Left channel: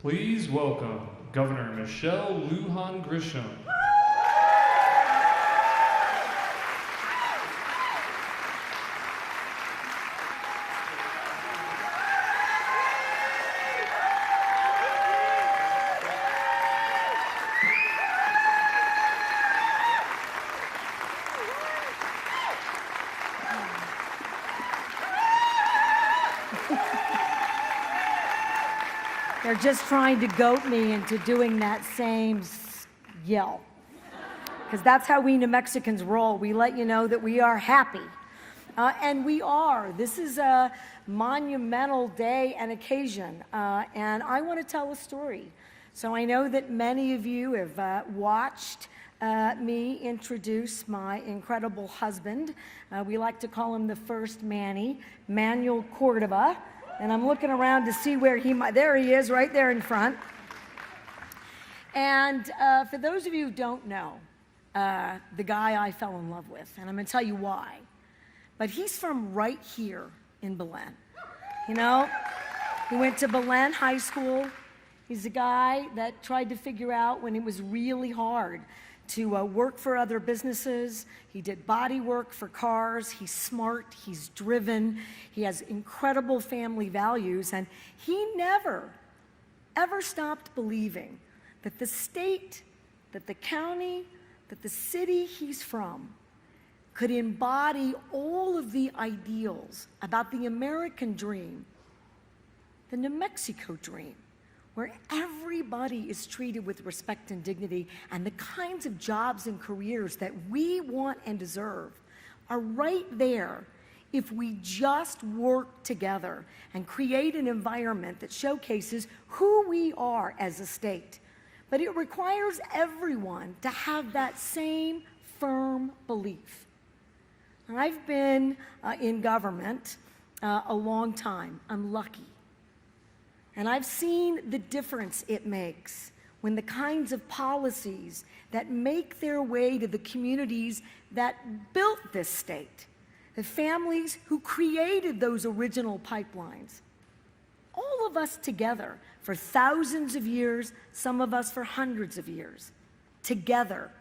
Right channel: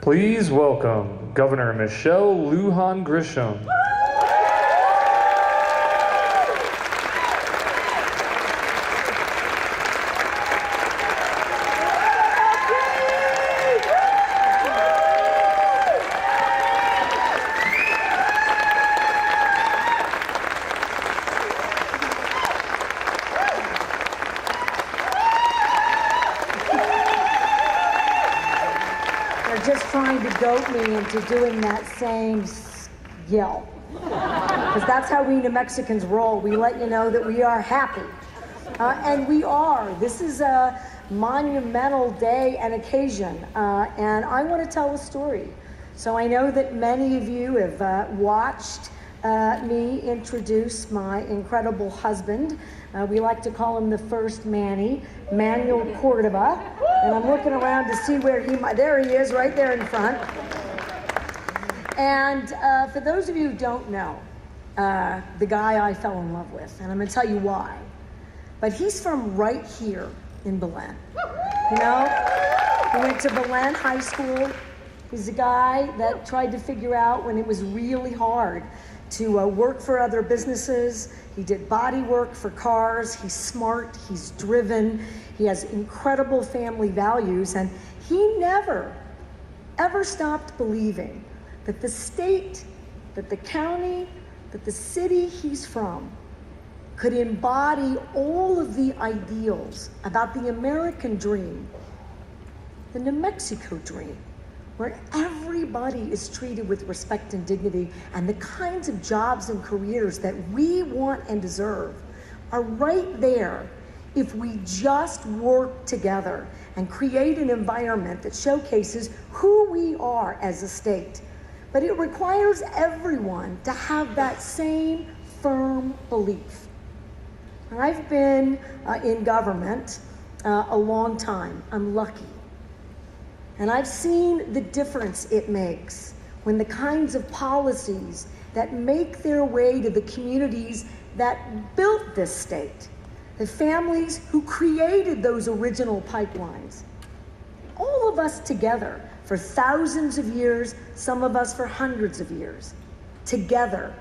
Please welcome Governor Michelle Lujan Grisham. They're just trying to goat me into doing that same yell. Because that's how we New Mexicans roll. We let you know that we are happy. And we are. This is a monumental day and occasion. And I want to tell a story. So I know that many of you have watched me introduce my incredible husband. We like to call him the first Manny, Manuel Cordova. And I'm looking around to see where he might, there he is, right there in front. And for those of you who don't know, the guy I fell in love with, and I'm gonna tell you why. But he's from right here in Belen. You know, he went to Belen High School. He's a guy that tried to figure out when it was really hard to work for other businesses. He did body work for cars. He's smart, he's driven, he has incredible family values, and he never, ever stopped believing that the state, that the county, that the city he's from could embody all of the ideals about the American dream, the New Mexico dream, where everybody is treated with respect and dignity, and the kinds of jobs and careers that we want and deserve are right there if we just work together and create an environment that showcases who we are as a state. But it requires everyone to have that same firm belief. And I've been in government a long time. I'm lucky. And I've seen the difference it makes when the kinds of policies that make their way to the communities that built this state, the families who created those original pipelines, all of us together for thousands of years, some of us for hundreds of years, together.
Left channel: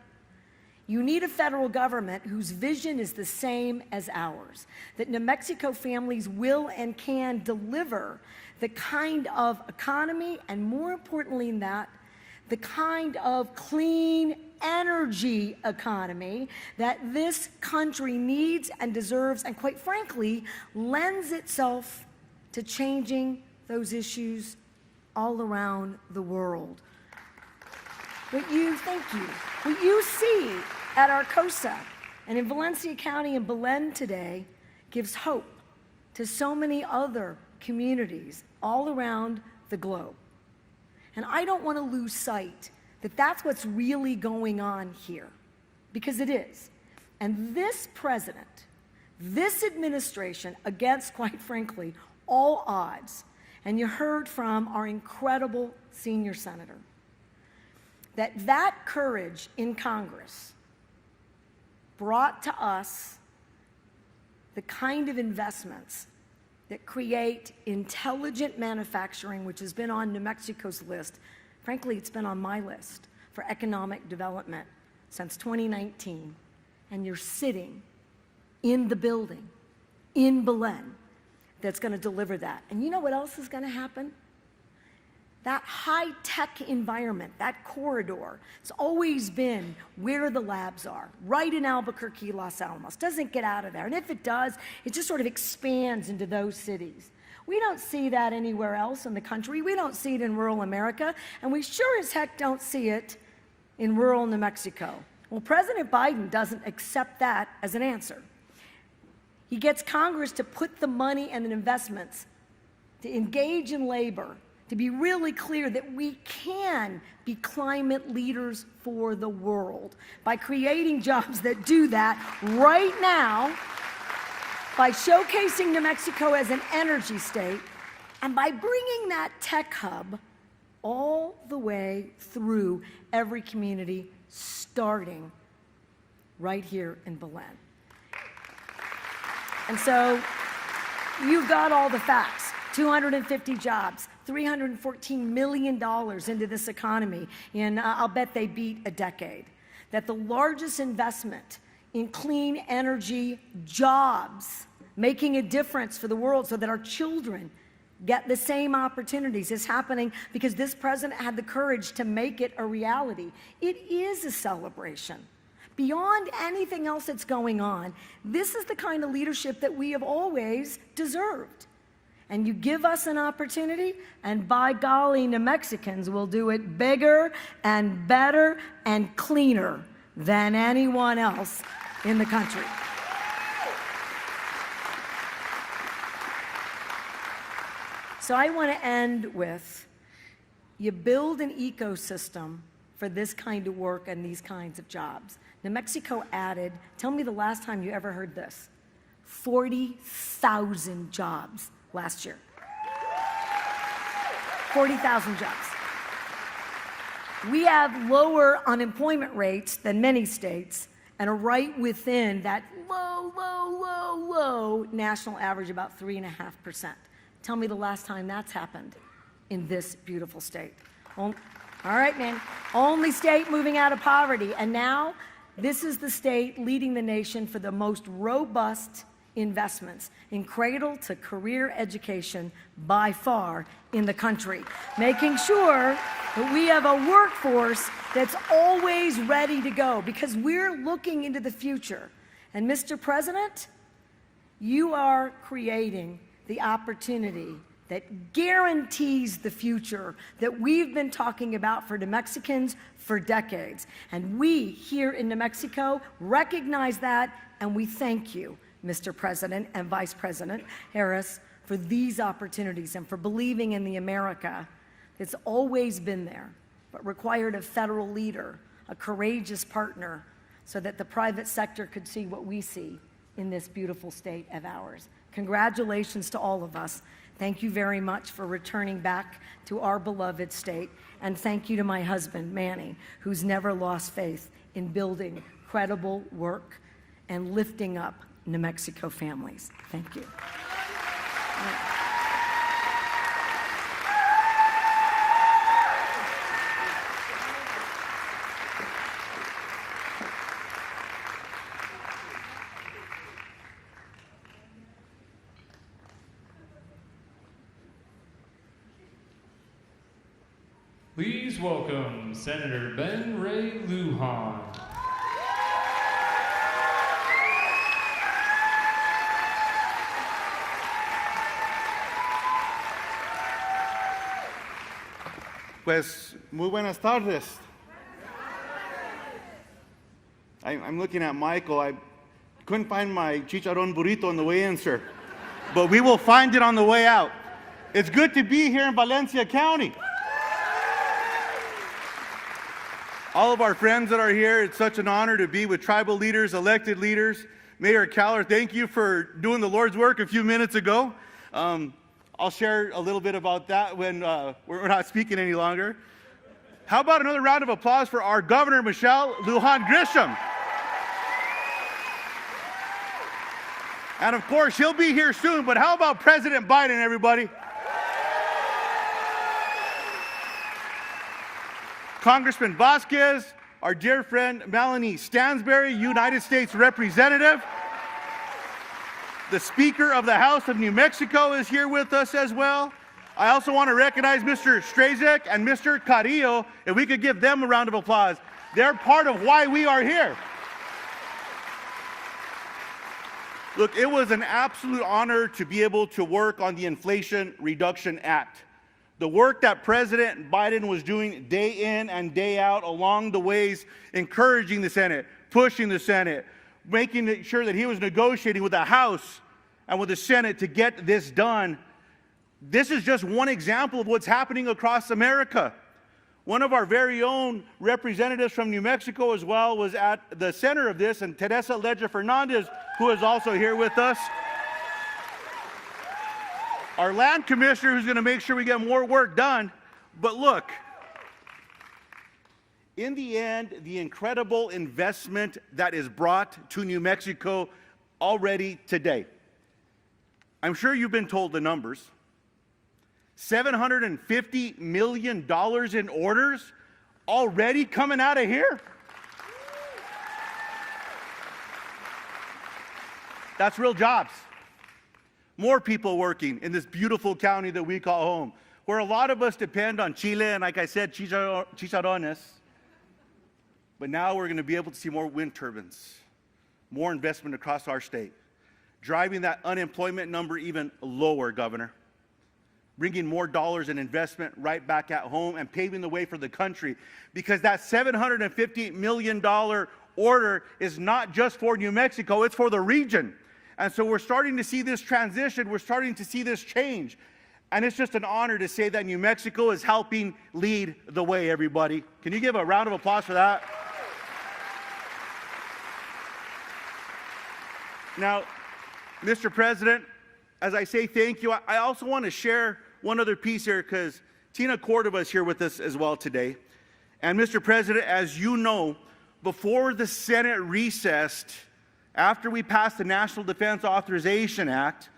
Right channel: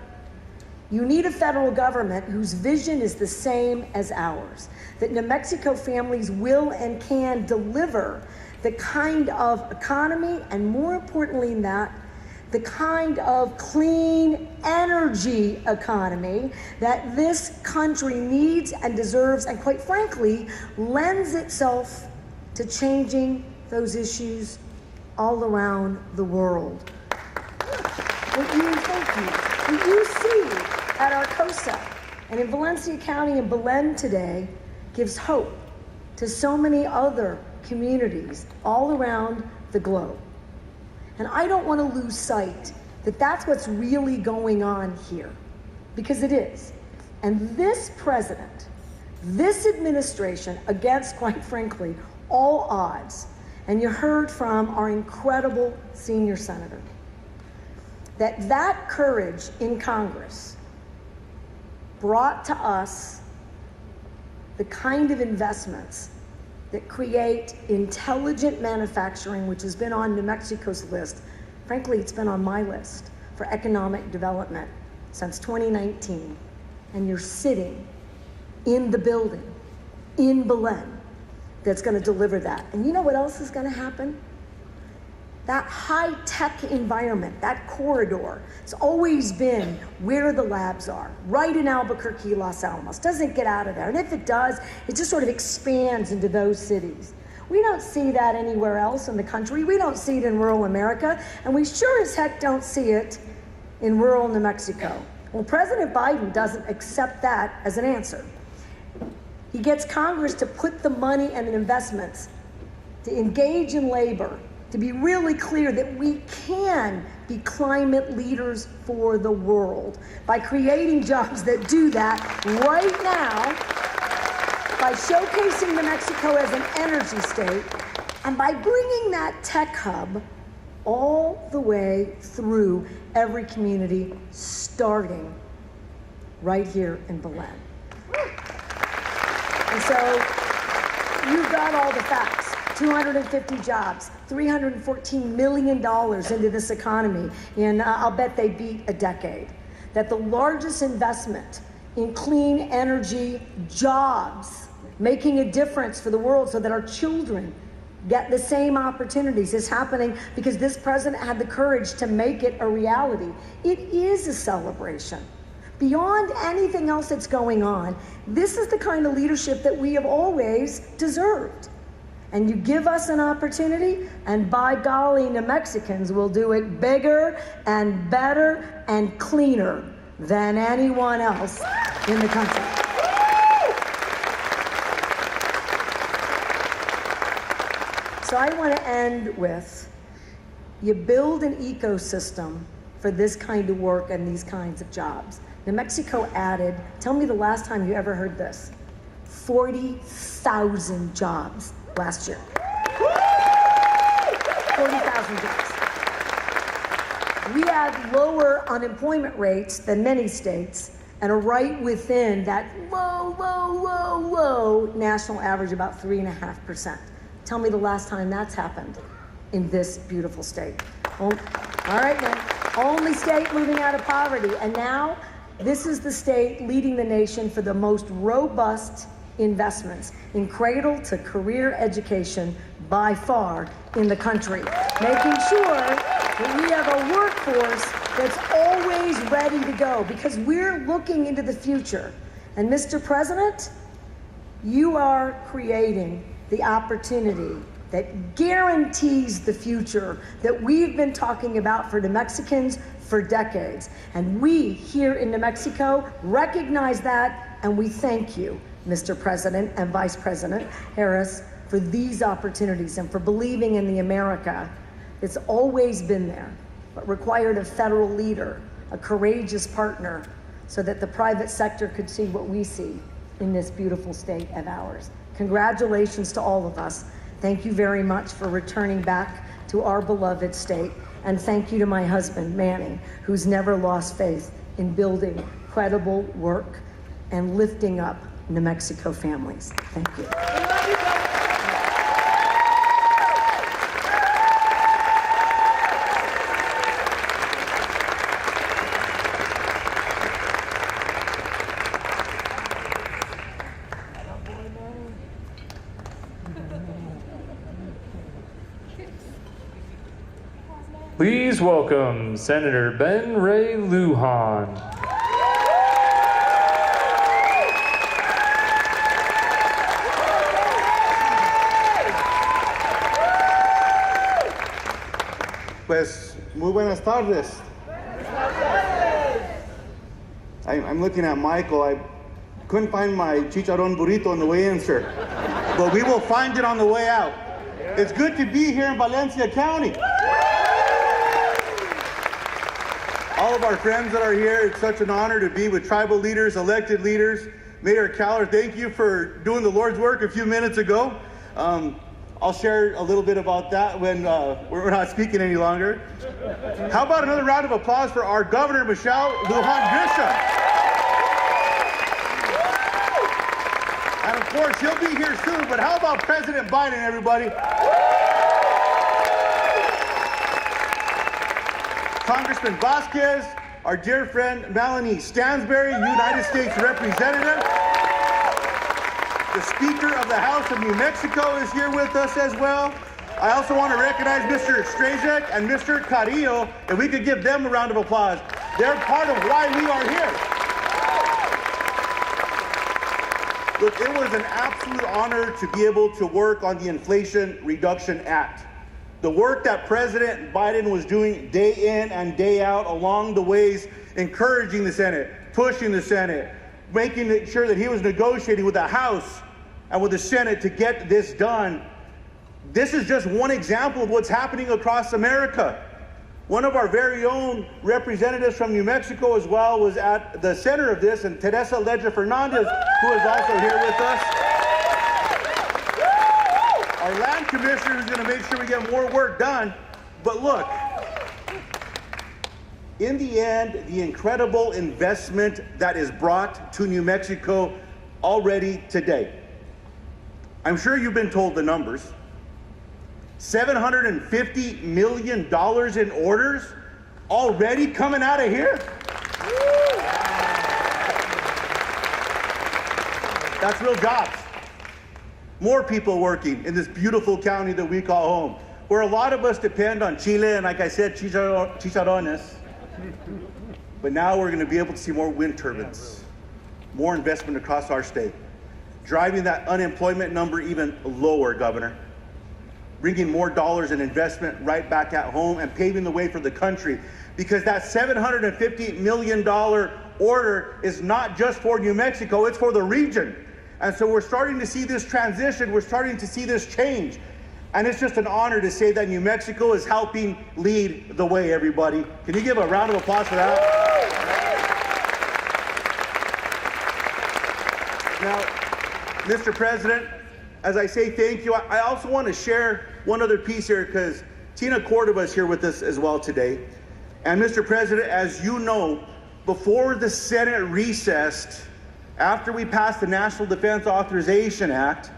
You need a federal government whose vision is the same as ours, that New Mexico families will and can deliver the kind of economy, and more importantly than that, the kind of clean energy economy that this country needs and deserves, and quite frankly, lends itself to changing those issues all around the world. What you see at Arcosa and in Valencia County and Belen today gives hope to so many other communities all around the globe. And I don't want to lose sight that that's what's really going on here, because it is. And this president, this administration, against, quite frankly, all odds, and you heard from our incredible senior senator, that courage in Congress brought to us the kind of investments that create intelligent manufacturing, which has been on New Mexico's list. Frankly, it's been on my list for economic development since 2019. And you're sitting in the building in Belen that's gonna deliver that. And you know what else is gonna happen? That high-tech environment, that corridor, it's always been where the labs are, right in Albuquerque, Los Alamos. Doesn't get out of there. And if it does, it just sort of expands into those cities. We don't see that anywhere else in the country. We don't see it in rural America, and we sure as heck don't see it in rural New Mexico. Well, President Biden doesn't accept that as an answer. He gets Congress to put the money and investments to engage in labor, to be really clear that we can be climate leaders for the world by creating jobs that do that right now, by showcasing New Mexico as an energy state, and by bringing that tech hub all the way through every community, starting right here in Belen. And so you've got all the facts. 250 jobs, $314 million into this economy, and I'll bet they beat a decade. That the largest investment in clean energy jobs, making a difference for the world so that our children get the same opportunities, is happening because this president had the courage to make it a reality. It is a celebration. Beyond anything else that's going on, this is the kind of leadership that we have always deserved. And you give us an opportunity, and by golly, New Mexicans will do it bigger and better and cleaner than anyone else in the country. So I want to end with, you build an ecosystem for this kind of work and these kinds of jobs. New Mexico added, tell me the last time you ever heard this, 40,000 jobs last year. 40,000 jobs. We have lower unemployment rates than many states and are right within that low national average, about 3.5%. Tell me the last time that's happened in this beautiful state. All right, then. Only state moving out of poverty. And now, this is the state leading the nation for the most robust investments in cradle to career education by far in the country, making sure that we have a workforce that's always ready to go because we're looking into the future. And Mr. President, you are creating the opportunity that guarantees the future that we've been talking about for New Mexicans for decades. And we here in New Mexico recognize that, and we thank you, Mr. President and Vice President Harris, for these opportunities and for believing in the America that's always been there, but required a federal leader, a courageous partner, so that the private sector could see what we see in this beautiful state of ours. Congratulations to all of us. Thank you very much for returning back to our beloved state. And thank you to my husband, Manny, who's never lost faith in building credible work and lifting up New Mexico families. Thank you. Please welcome Senator Ben Ray Lujan. Pues, muy buenas tardes. I'm looking at Michael. I couldn't find my chicharron burrito on the way in, sir. But we will find it on the way out. It's good to be here in Valencia County. All of our friends that are here, it's such an honor to be with tribal leaders, elected leaders. Mayor Caller, thank you for doing the Lord's work a few minutes ago. I'll share a little bit about that when we're not speaking any longer. How about another round of applause for our Governor, Michelle Lujan Grisham? And of course, he'll be here soon, but how about President Biden, everybody? Congressman Vasquez, our dear friend Melanie Stansberry, United States Representative. The Speaker of the House of New Mexico is here with us as well. I also want to recognize Mr. Strazek and Mr. Carrillo, and we could give them a round of applause. They're part of why we are here. Look, it was an absolute honor to be able to work on the Inflation Reduction Act. The work that President Biden was doing day in and day out along the ways, encouraging the Senate, pushing the Senate, making sure that he was negotiating with the House and with the Senate to get this done. This is just one example of what's happening across America. One of our very own representatives from New Mexico as well was at the center of this, and Teresa Ledger Fernandez, who is also here with us. Our land commissioner is going to make sure we get more work done. But look, in the end, the incredible investment that is brought to New Mexico already today. I'm sure you've been told the numbers. $750 million in orders already coming out of here? That's real jobs. More people working in this beautiful county that we call home, where a lot of us depend on Chile and, like I said, chicharrones. But now we're going to be able to see more wind turbines, more investment across our state, driving that unemployment number even lower, Governor, bringing more dollars in investment right back at home and paving the way for the country. Because that $750 million order is not just for New Mexico, it's for the region. And so we're starting to see this transition, we're starting to see this change. And it's just an honor to say that New Mexico is helping lead the way, everybody. Can you give a round of applause for that? Now, Mr. President, as I say thank you, I also want to share one other piece here because Tina Cordova is here with us as well today. And Mr. President, as you know, before the Senate recessed, after we passed the National Defense Authorization Act,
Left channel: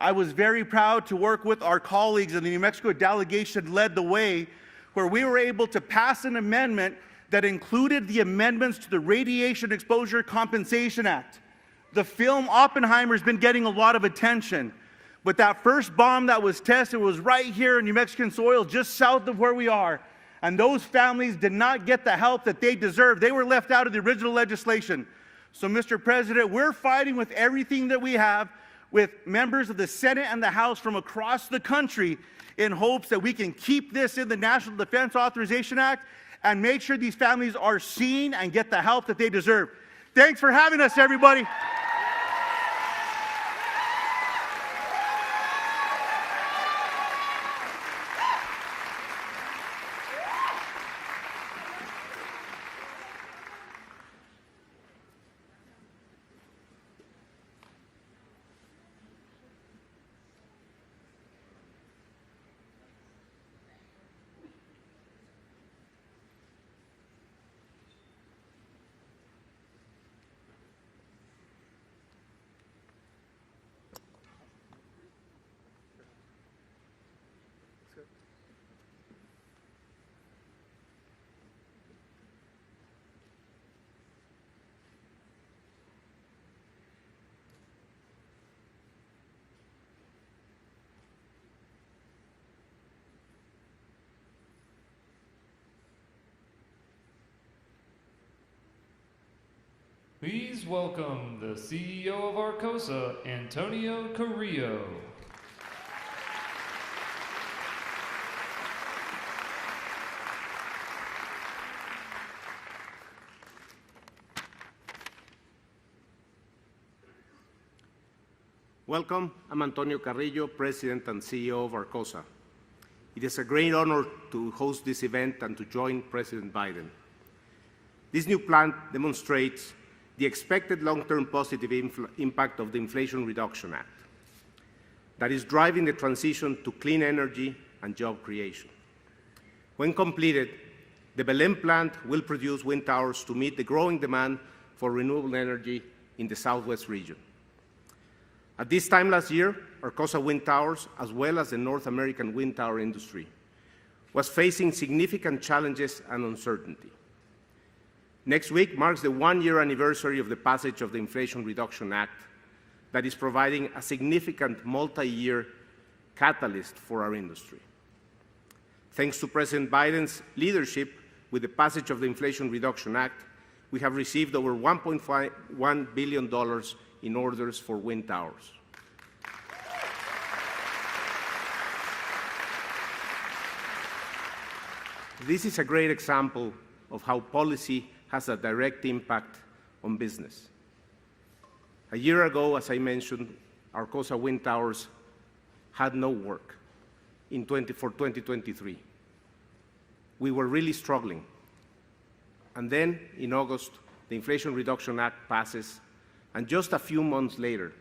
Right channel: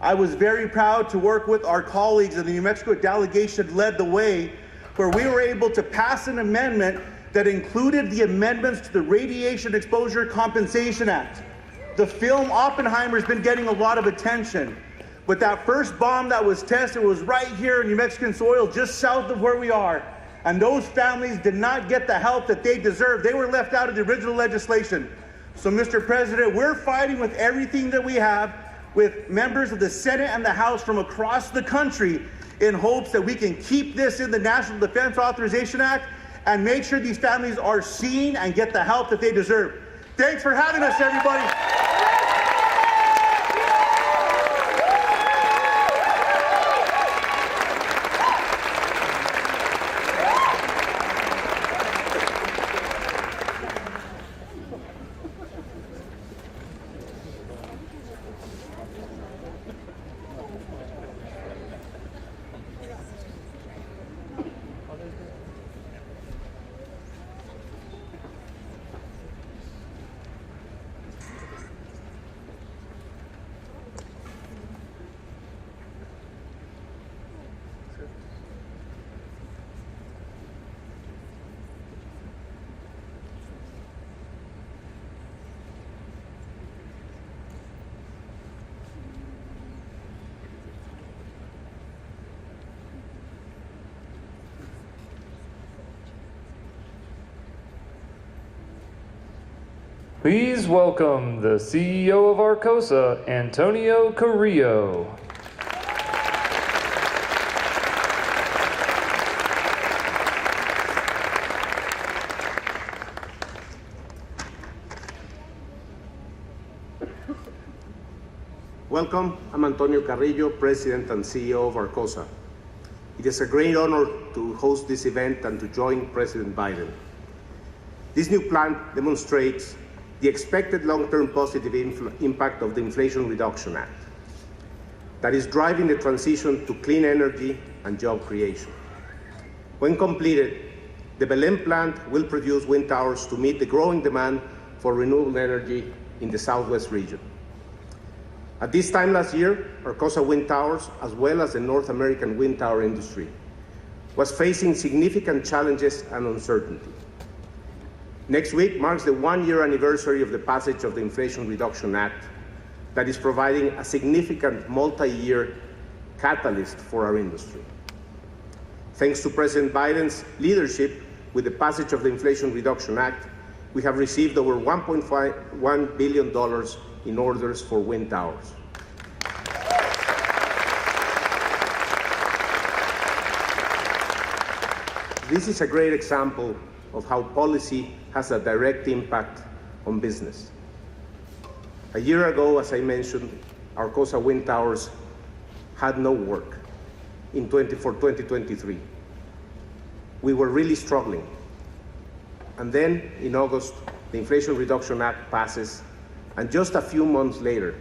I was very proud to work with our colleagues in the New Mexico delegation led the way, where we were able to pass an amendment that included the amendments to the Radiation Exposure Compensation Act. The film Oppenheimer's been getting a lot of attention, but that first bomb that was tested was right here in New Mexican soil, just south of where we are. And those families did not get the help that they deserved. They were left out of the original legislation. So, Mr. President, we're fighting with everything that we have, with members of the Senate and the House from across the country, in hopes that we can keep this in the National Defense Authorization Act and make sure these families are seen and get the help that they deserve. Thanks for having us, everybody. Please welcome the CEO of Arcosa, Antonio Carrillo. Welcome, I'm Antonio Carrillo, President and CEO of Arcosa. It is a great honor to host this event and to join President Biden. This new plan demonstrates the expected long-term positive impact of the Inflation Reduction Act that is driving the transition to clean energy and job creation. When completed, the Belén plant will produce wind towers to meet the growing demand for renewable energy in the Southwest region. At this time last year, Arcosa Wind Towers, as well as the North American wind tower industry, was facing significant challenges and uncertainty. Next week marks the one-year anniversary of the passage of the Inflation Reduction Act that is providing a significant multi-year catalyst for our industry. Thanks to President Biden's leadership with the passage of the Inflation Reduction Act, we have received over $1.1 billion in orders for wind towers. This is a great example of how policy has a direct impact on business. A year ago, as I mentioned, Arcosa Wind Towers had no work for 2023. We were really struggling. And then in August, the Inflation Reduction Act passes, and just a few months later,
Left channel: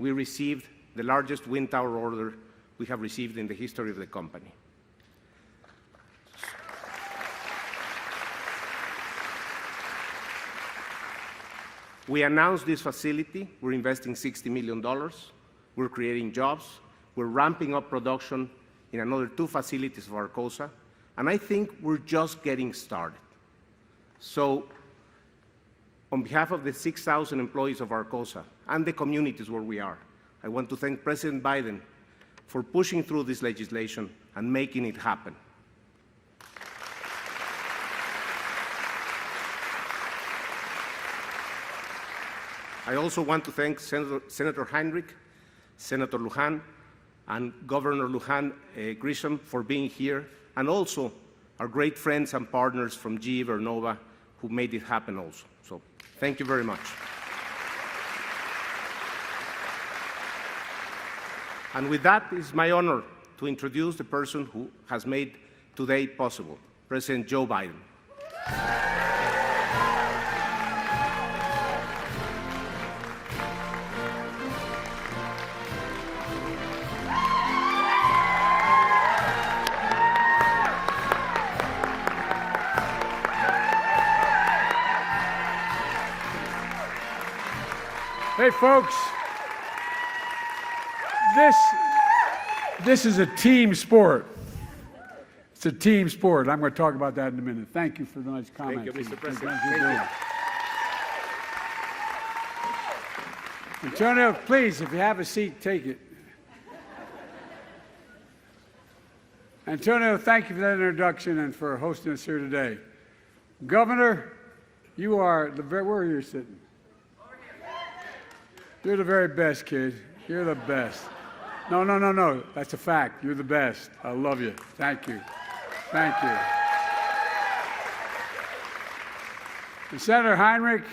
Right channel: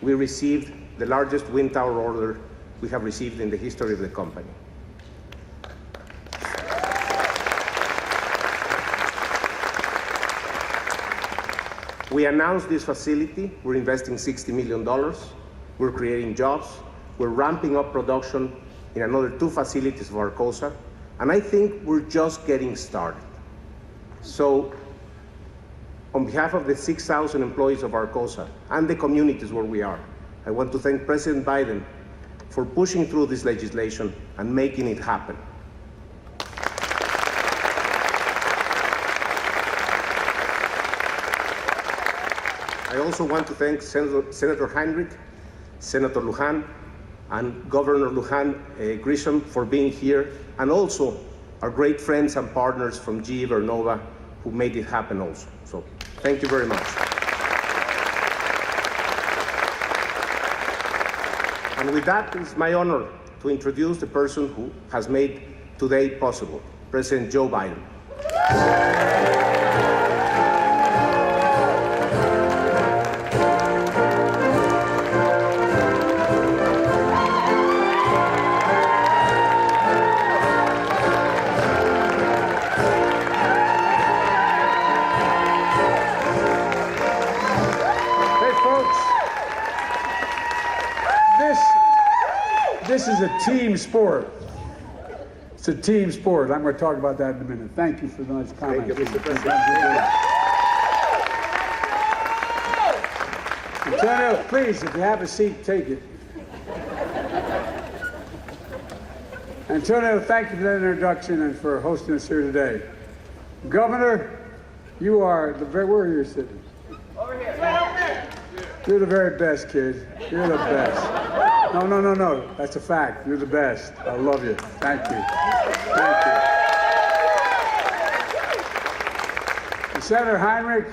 we received the largest wind tower order we have received in the history of the company. We announced this facility. We're investing $60 million. We're creating jobs. We're ramping up production in another 2 facilities of Arcosa, and I think we're just getting started. So, on behalf of the 6,000 employees of Arcosa and the communities where we are, I want to thank President Biden for pushing through this legislation and making it happen. I also want to thank Senator Heinrich, Senator Lujan, and Governor Lujan Grisham for being here, and also our great friends and partners from GE Vernova who made it happen also. So thank you very much. And with that, it's my honor to introduce the person who has made today possible, President Joe Biden. Hey folks, this is a team sport. It's a team sport. I'm going to talk about that in a minute. Thank you for the nice comments. Thank you, Mr. President. Antonio, please, if you have a seat, take it. Antonio, thank you for that introduction and for hosting us here today. Governor, you are the very, where are you sitting? Over here. You're the very best, kid. You're the best. No. That's a fact. You're the best. I love you. Thank you. Thank you. Senator Heinrich,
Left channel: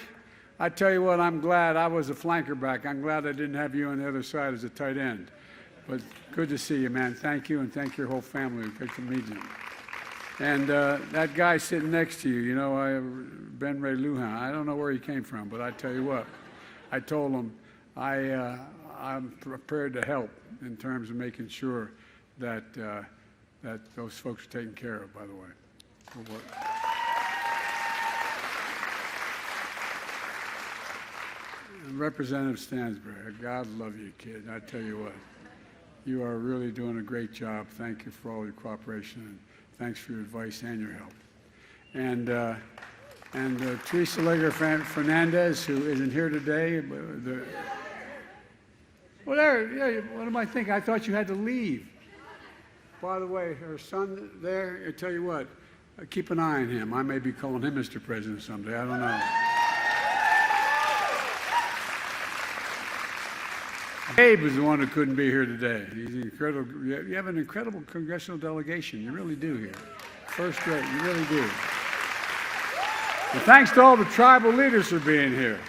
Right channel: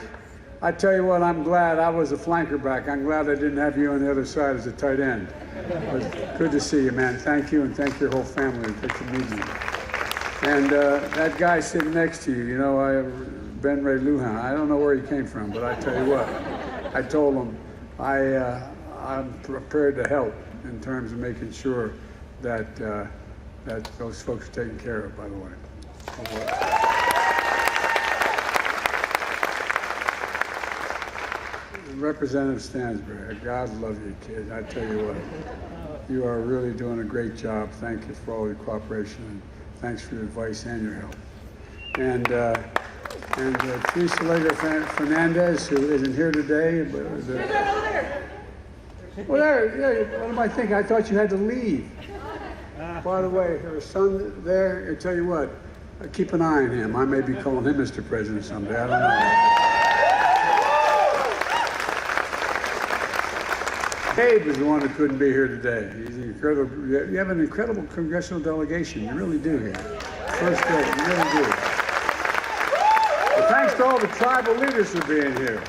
I tell you what, I'm glad I was a flanker back. I'm glad I didn't have you on the other side as a tight end. But good to see you, man. Thank you, and thank your whole family. Good to meet you. And that guy sitting next to you, you know, Ben Ray Lujan, I don't know where he came from, but I tell you what, I told him I'm prepared to help in terms of making sure that that those folks are taken care of, by the way. Representative Stansbury, God love you, kid. I tell you what, you are really doing a great job. Thank you for all your cooperation, and thanks for your advice and your help. And Teresa Lager Fernandez, who isn't here today. Well, there, what am I thinking? I thought you had to leave. By the way, her son there, I tell you what, keep an eye on him. I may be calling him Mr. President someday, I don't know. Abe was the one who couldn't be here today. He's incredible. You have an incredible congressional delegation. You really do here. First day, you really do. Well, thanks to all the tribal leaders for being here.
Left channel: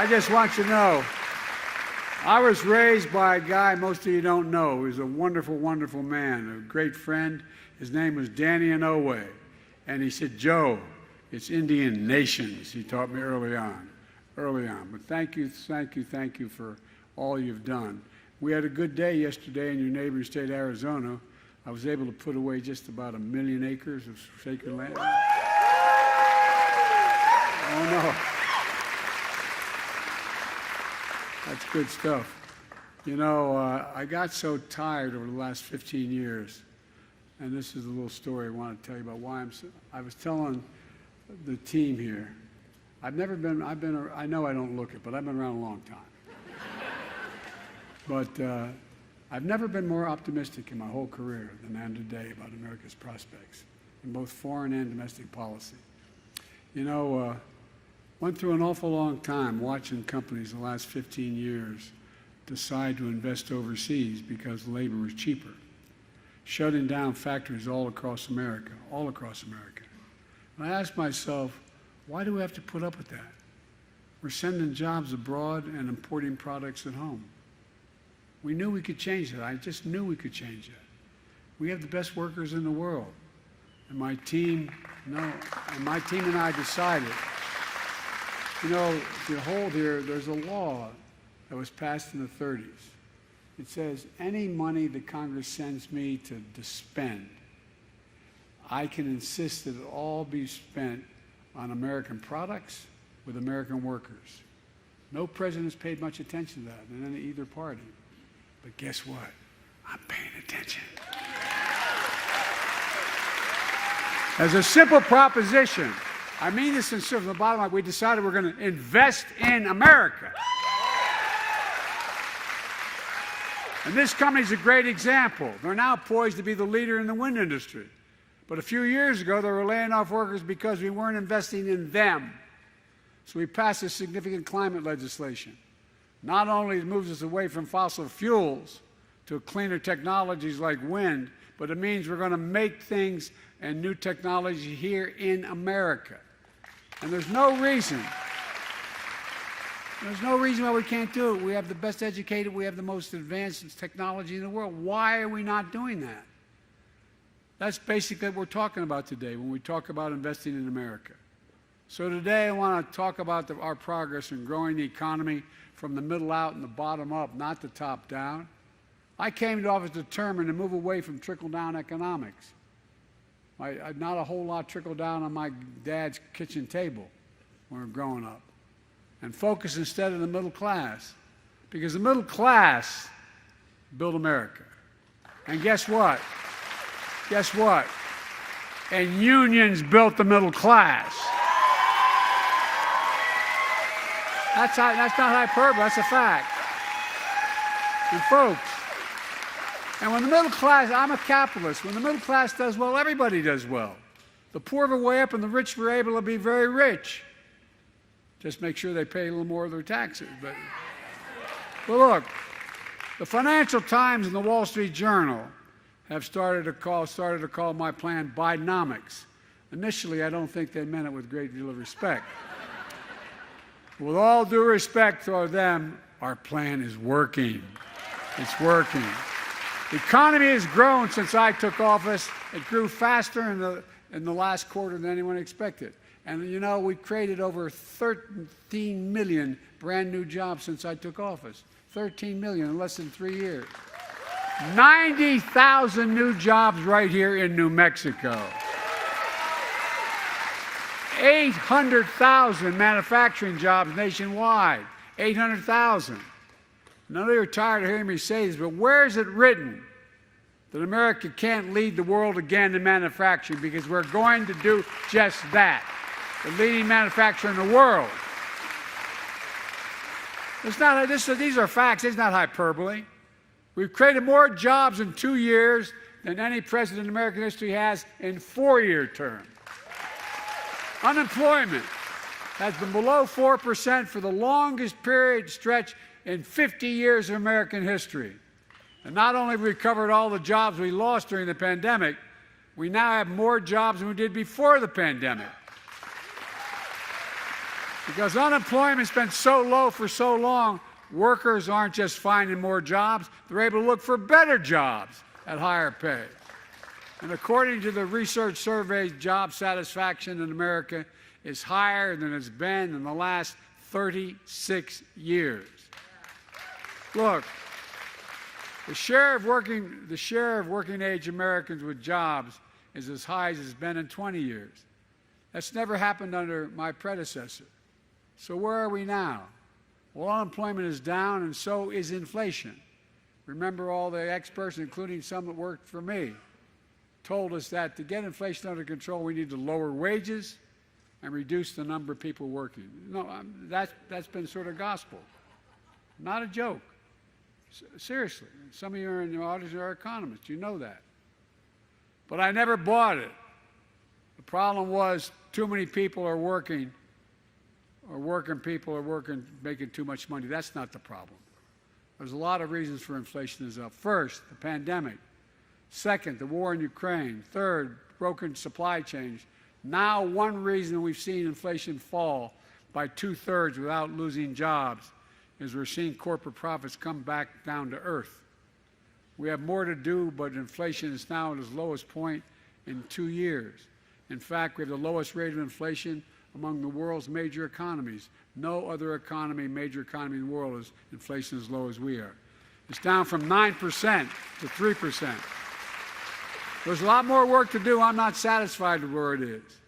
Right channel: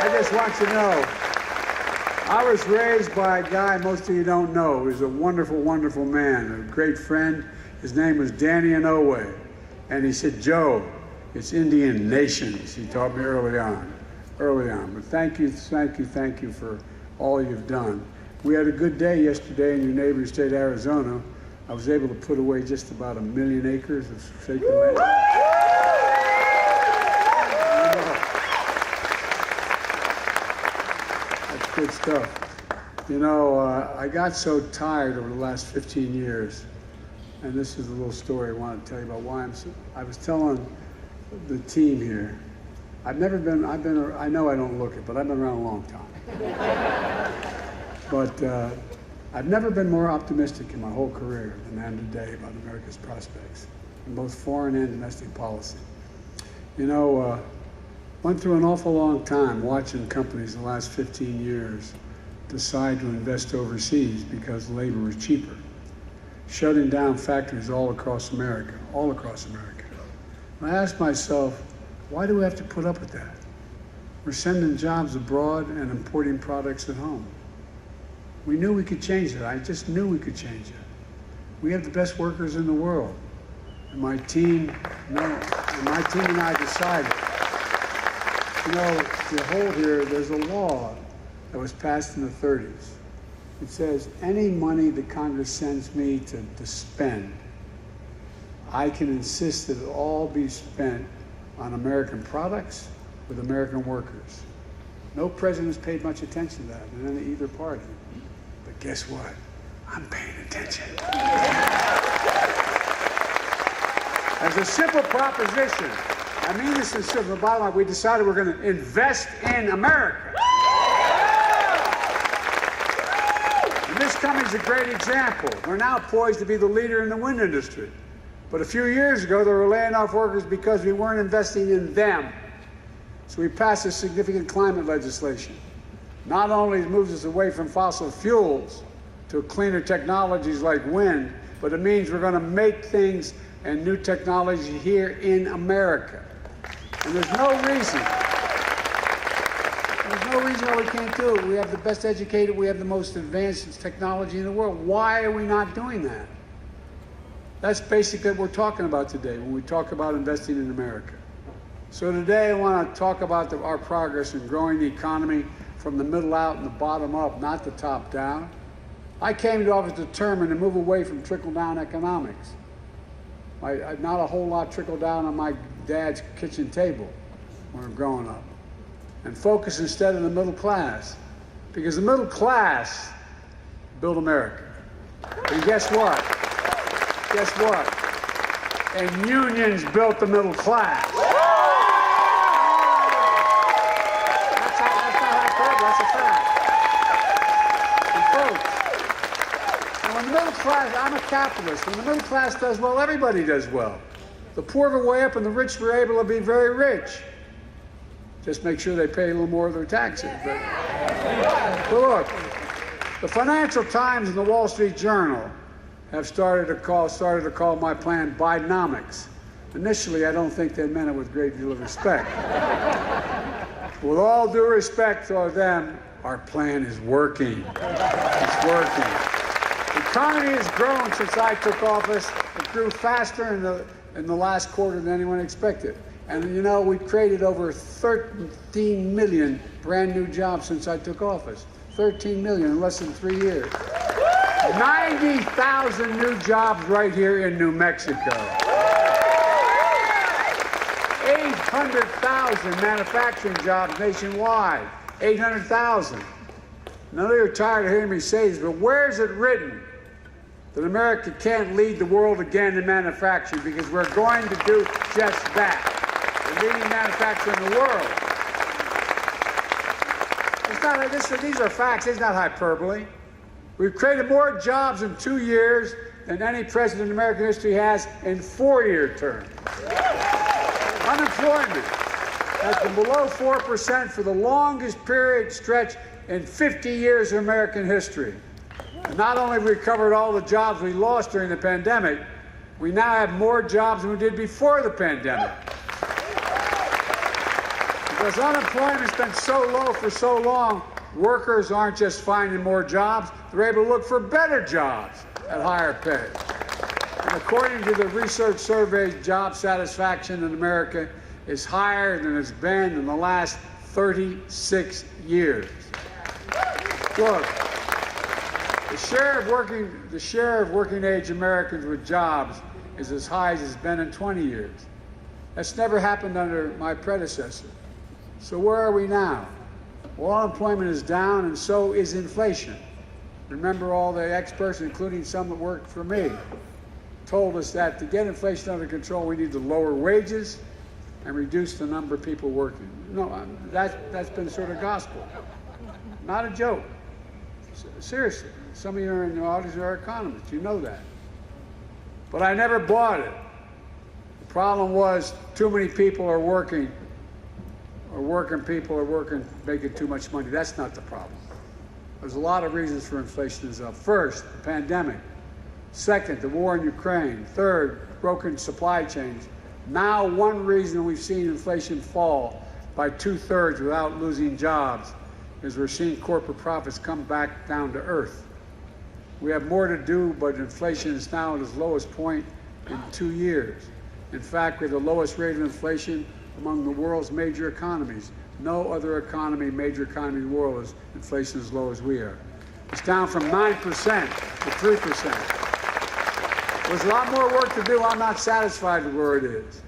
I just want you to know, I was raised by a guy most of you don't know. He's a wonderful, wonderful man, a great friend. His name was Danny Inouye. And he said, Joe, it's Indian nations. He taught me early on. But thank you for all you've done. We had a good day yesterday in your neighboring state, Arizona. I was able to put away just about 1 million acres of sacred land. That's good stuff. You know, I got so tired over the last 15 years, and this is a little story I want to tell you about why I was telling the team here, I know I don't look it, but I've been around a long time. But I've never been more optimistic in my whole career than I am today about America's prospects, in both foreign and domestic policy. You know, went through an awful long time watching companies in the last 15 years decide to invest overseas because labor was cheaper, shutting down factories all across America. And I asked myself, why do we have to put up with that? We're sending jobs abroad and importing products at home. We knew we could change that. I just knew we could change it. We have the best workers in the world. And my team and I decided, you know, to hold here, there's a law that was passed in the 30s. It says any money that Congress sends me to spend, I can insist that it all be spent on American products with American workers. No president's paid much attention to that in either party. But guess what? I'm paying attention. As a simple proposition, I mean this is sort of the bottom line, we decided we're going to invest in America. And this company's a great example. We're now poised to be the leader in the wind industry. But a few years ago, they were laying off workers because we weren't investing in them. So we passed a significant climate legislation. Not only moves us away from fossil fuels to cleaner technologies like wind, but it means we're going to make things and new technology here in America. And there's no reason why we can't do it. We have the best educated, we have the most advanced technology in the world. Why are we not doing that? That's basically what we're talking about today when we talk about investing in America. So today I want to talk about our progress in growing the economy from the middle out and the bottom up, not the top down. I came to office determined to move away from trickle-down economics. Not a whole lot trickled down on my dad's kitchen table when we were growing up. And focus instead on the middle class. Because the middle class built America. And guess what? Guess what? And unions built the middle class. That's not hyperbole, that's a fact. And folks, and when the middle class, I'm a capitalist, when the middle class does well, everybody does well. The poor go way up and the rich were able to be very rich. Just make sure they pay a little more of their taxes. But look, the Financial Times and the Wall Street Journal have started to call my plan Bidenomics. Initially, I don't think they meant it with a great deal of respect. With all due respect for them, our plan is working. It's working. The economy has grown since I took office. It grew faster in the last quarter than anyone expected. And you know, we've created over 13 million brand new jobs since I took office. 13 million in less than 3 years. 90,000 new jobs right here in New Mexico. 800,000 manufacturing jobs nationwide. 800,000. None of you are tired of hearing me say this, but where is it written that America can't lead the world again in manufacturing? Because we're going to do just that. The leading manufacturer in the world. These are facts, it's not hyperbole. We've created more jobs in 2 years than any president in American history has in 4-year terms. Unemployment has been below 4% for the longest period stretch in 50 years of American history. And not only have we recovered all the jobs we lost during the pandemic, we now have more jobs than we did before the pandemic. Because unemployment's been so low for so long, workers aren't just finding more jobs, they're able to look for better jobs at higher pay. And according to the research surveys, job satisfaction in America is higher than it's been in the last 36 years. Look, the share of working age Americans with jobs is as high as it's been in 20 years. That's never happened under my predecessor. So where are we now? Well, unemployment is down and so is inflation. Remember, all the experts, including some that worked for me, told us that to get inflation under control, we need to lower wages and reduce the number of people working. No, that's been sort of gospel. Not a joke. Seriously, some of you are in the audience are economists, you know that. But I never bought it. The problem was too many people are working, making too much money. That's not the problem. There's a lot of reasons for inflation is up. First, the pandemic. Second, the war in Ukraine. Third, broken supply chains. Now, one reason we've seen inflation fall by 2/3 without losing jobs is we're seeing corporate profits come back down to earth. We have more to do, but inflation is now at its lowest point in 2 years. In fact, we have the lowest rate of inflation among the world's major economies. No other major economy in the world is inflation as low as we are. It's down from 9% to 3%. There's a lot more work to do. I'm not satisfied with where it is.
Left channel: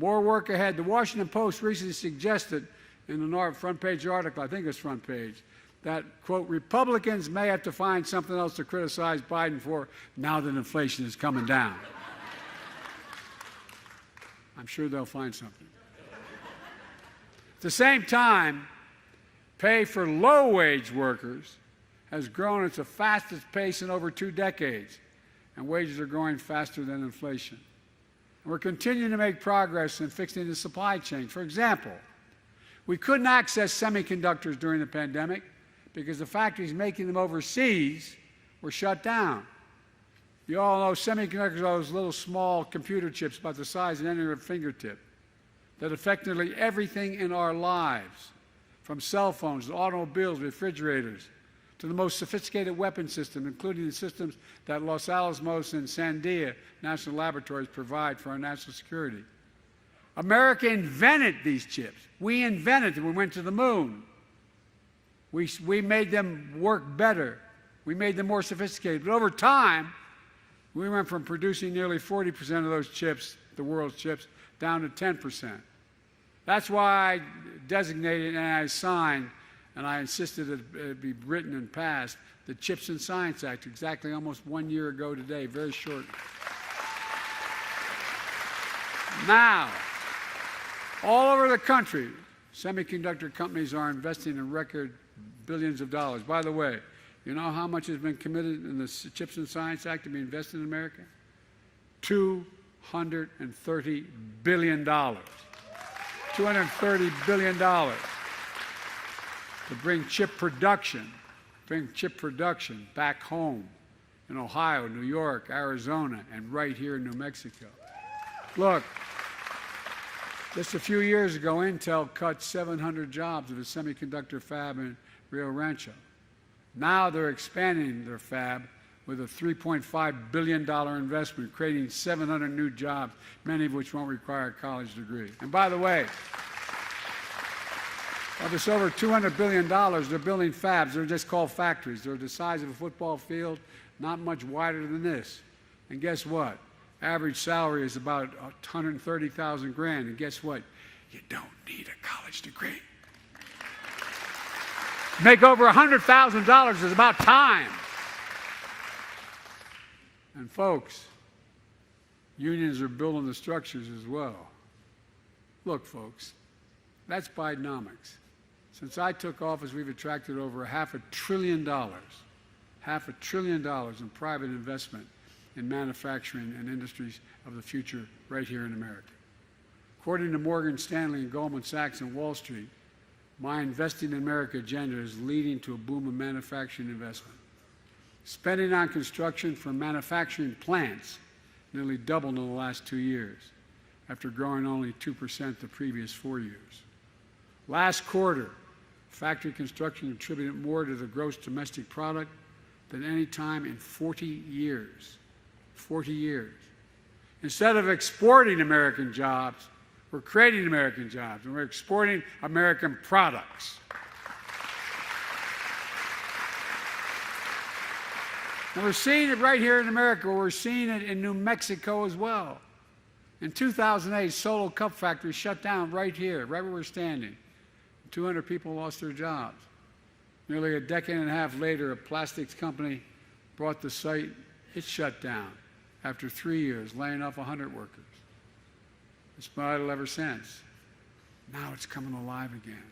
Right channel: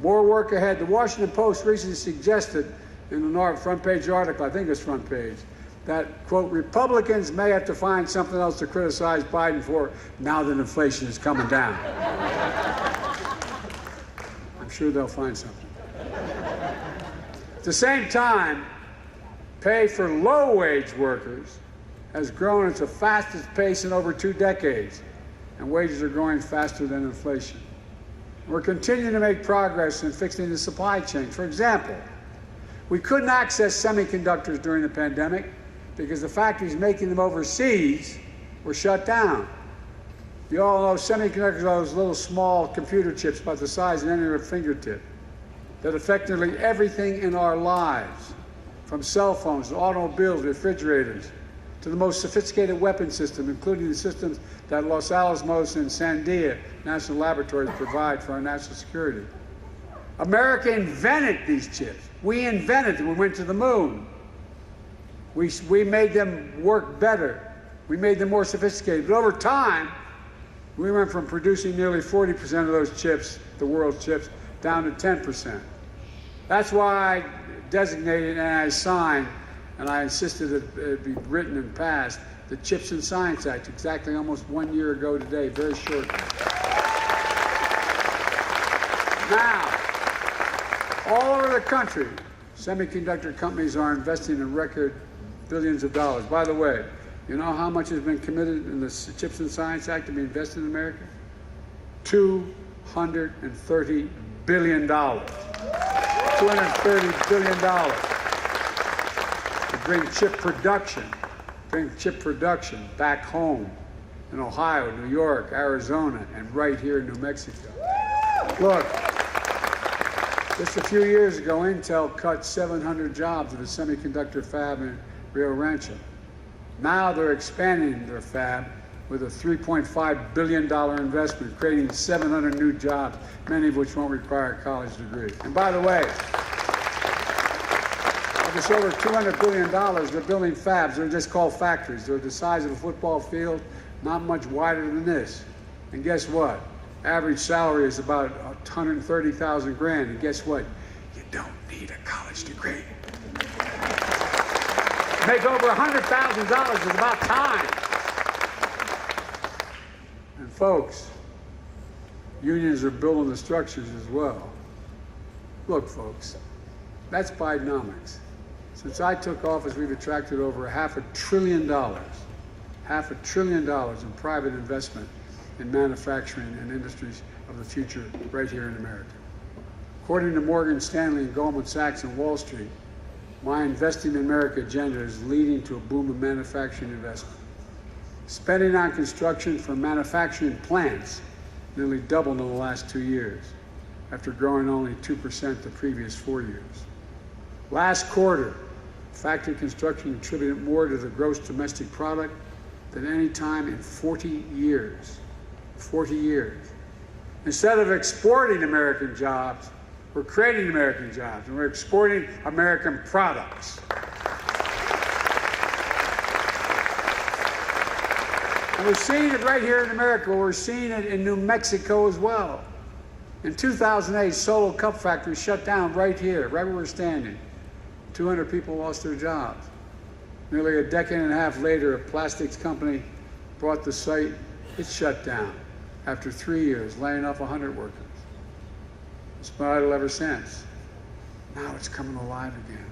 More work ahead. The Washington Post recently suggested in the front page article, I think it's front page, that, quote, Republicans may have to find something else to criticize Biden for now that inflation is coming down. I'm sure they'll find something. At the same time, pay for low-wage workers has grown at the fastest pace in over 2 decades, and wages are growing faster than inflation. We're continuing to make progress in fixing the supply chain. For example, we couldn't access semiconductors during the pandemic because the factories making them overseas were shut down. You all know semiconductors are those little small computer chips about the size of any fingertip that affect nearly everything in our lives, from cell phones to automobiles, refrigerators, to the most sophisticated weapon system, including the systems that Los Alamos and Sandia National Laboratories provide for our national security. America invented these chips. We invented them. We went to the moon. We made them work better. We made them more sophisticated. But over time, we went from producing nearly 40% of those chips, the world's chips, down to 10%. That's why I designated and I signed, and I insisted that it be written and passed, the Chips and Science Act, exactly almost 1 year ago today, very short. Now, all over the country, semiconductor companies are investing in record billions of dollars. By the way, you know how much has been committed in the Chips and Science Act to be invested in America? $230 billion. $230 billion to bring chip production back home in Ohio, New York, Arizona, and right here in New Mexico. Look, just a few years ago, Intel cut 700 jobs in a semiconductor fab in Rio Rancho. Now they're expanding their fab with a $3.5 billion investment, creating 700 new jobs, many of which won't require a college degree. And by the way, of this over $200 billion, they're building fabs. They're just called factories. They're the size of a football field, not much wider than this. And guess what? Average salary is about 130,000 grand. And guess what? You don't need a college degree. Make over $100,000 is about time. And folks, unions are building the structures as well. Look, folks, that's Bidenomics. Since I took office, we've attracted over $500 billion in private investment in manufacturing and industries of the future right here in America. According to Morgan Stanley and Goldman Sachs and Wall Street, my Investing in America agenda is leading to a boom of manufacturing investment. Spending on construction for manufacturing plants nearly doubled in the last 2 years, after growing only 2% the previous 4 years. Last quarter, factory construction contributed more to the gross domestic product than any time in 40 years. 40 years. Instead of exporting American jobs, we're creating American jobs, and we're exporting American products. And we're seeing it right here in America. We're seeing it in New Mexico as well. In 2008, Solo Cup Factory shut down right here, right where we're standing. 200 people lost their jobs. Nearly a decade and a half later, a plastics company bought the site. It shut down after 3 years, laying off 100 workers. It's been idle ever since. Now it's coming alive again.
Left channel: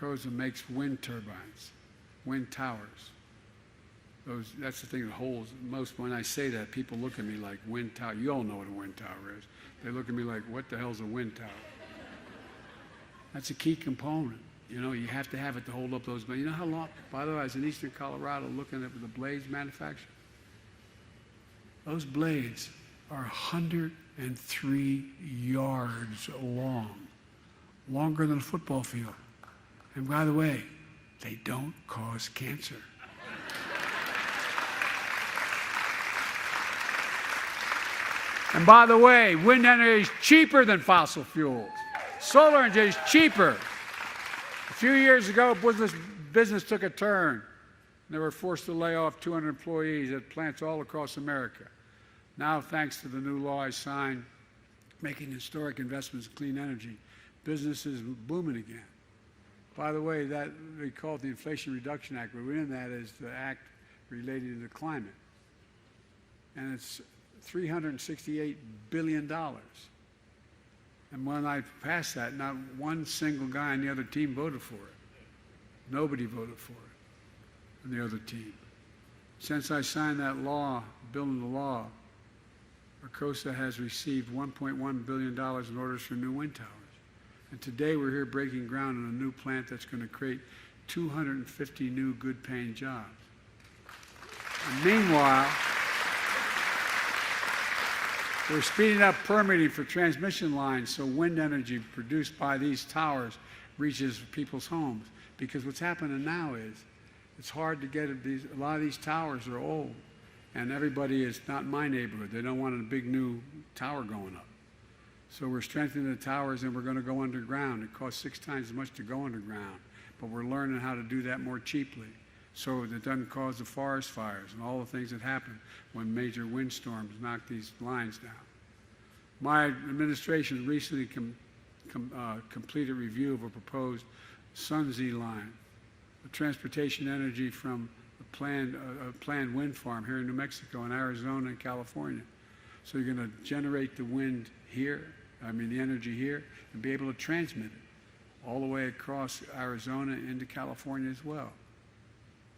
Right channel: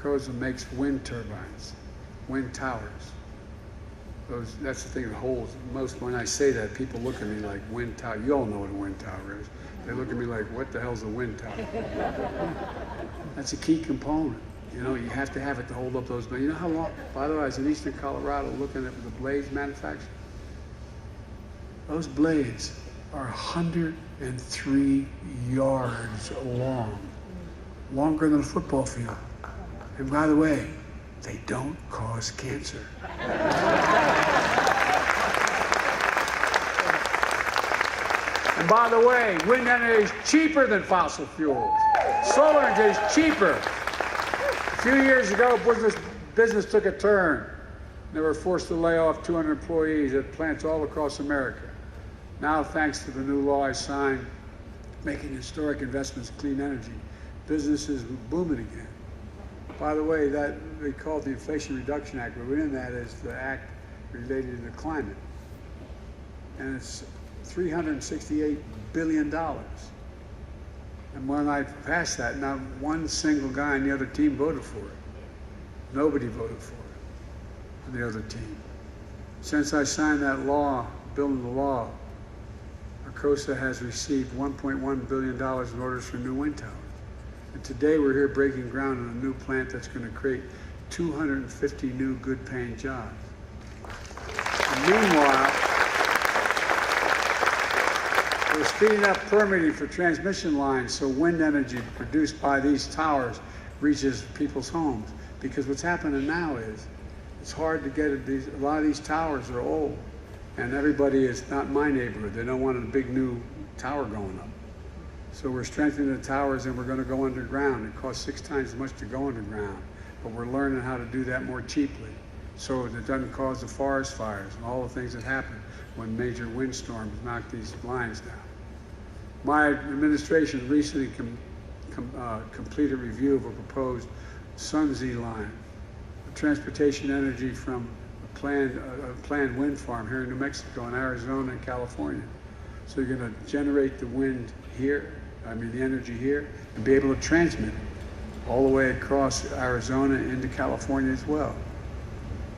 Koza makes wind turbines, wind towers. That's the thing that holds most. When I say that, people look at me like, wind tower. You all know what a wind tower is. They look at me like, what the hell's a wind tower? That's a key component. You know, you have to have it to hold up those blades. You know how long? By the way, I was in eastern Colorado looking at the blades manufactured. Those blades are 103 yards long, longer than a football field. And by the way, they don't cause cancer. And by the way, wind energy is cheaper than fossil fuels. Solar energy is cheaper. A few years ago, business took a turn. They were forced to lay off 200 employees at plants all across America. Now, thanks to the new law I signed, making historic investments in clean energy, business is booming again. By the way, that we call it the Inflation Reduction Act, but within that is the act related to the climate. And it's $368 billion. And when I passed that, not one single guy on the other team voted for it. Nobody voted for it on the other team. Since I signed that law, bill into law, Arcosa has received $1.1 billion in orders for new wind towers. And today we're here breaking ground on a new plant that's going to create 250 new good-paying jobs. And meanwhile, we're speeding up permitting for transmission lines so wind energy produced by these towers reaches people's homes. Because what's happening now is it's hard to get it. A lot of these towers are old, and everybody is not my neighborhood. They don't want a big new tower going up. So we're strengthening the towers, and we're going to go underground. It costs 6 times as much to go underground, but we're learning how to do that more cheaply, so it doesn't cause the forest fires and all the things that happen when major windstorms knock these lines down. My administration recently completed a review of a proposed Sunzee line, transportation energy from a planned wind farm here in New Mexico and Arizona and California. So you're going to generate the wind here, the energy here, and be able to transmit it all the way across Arizona into California as well.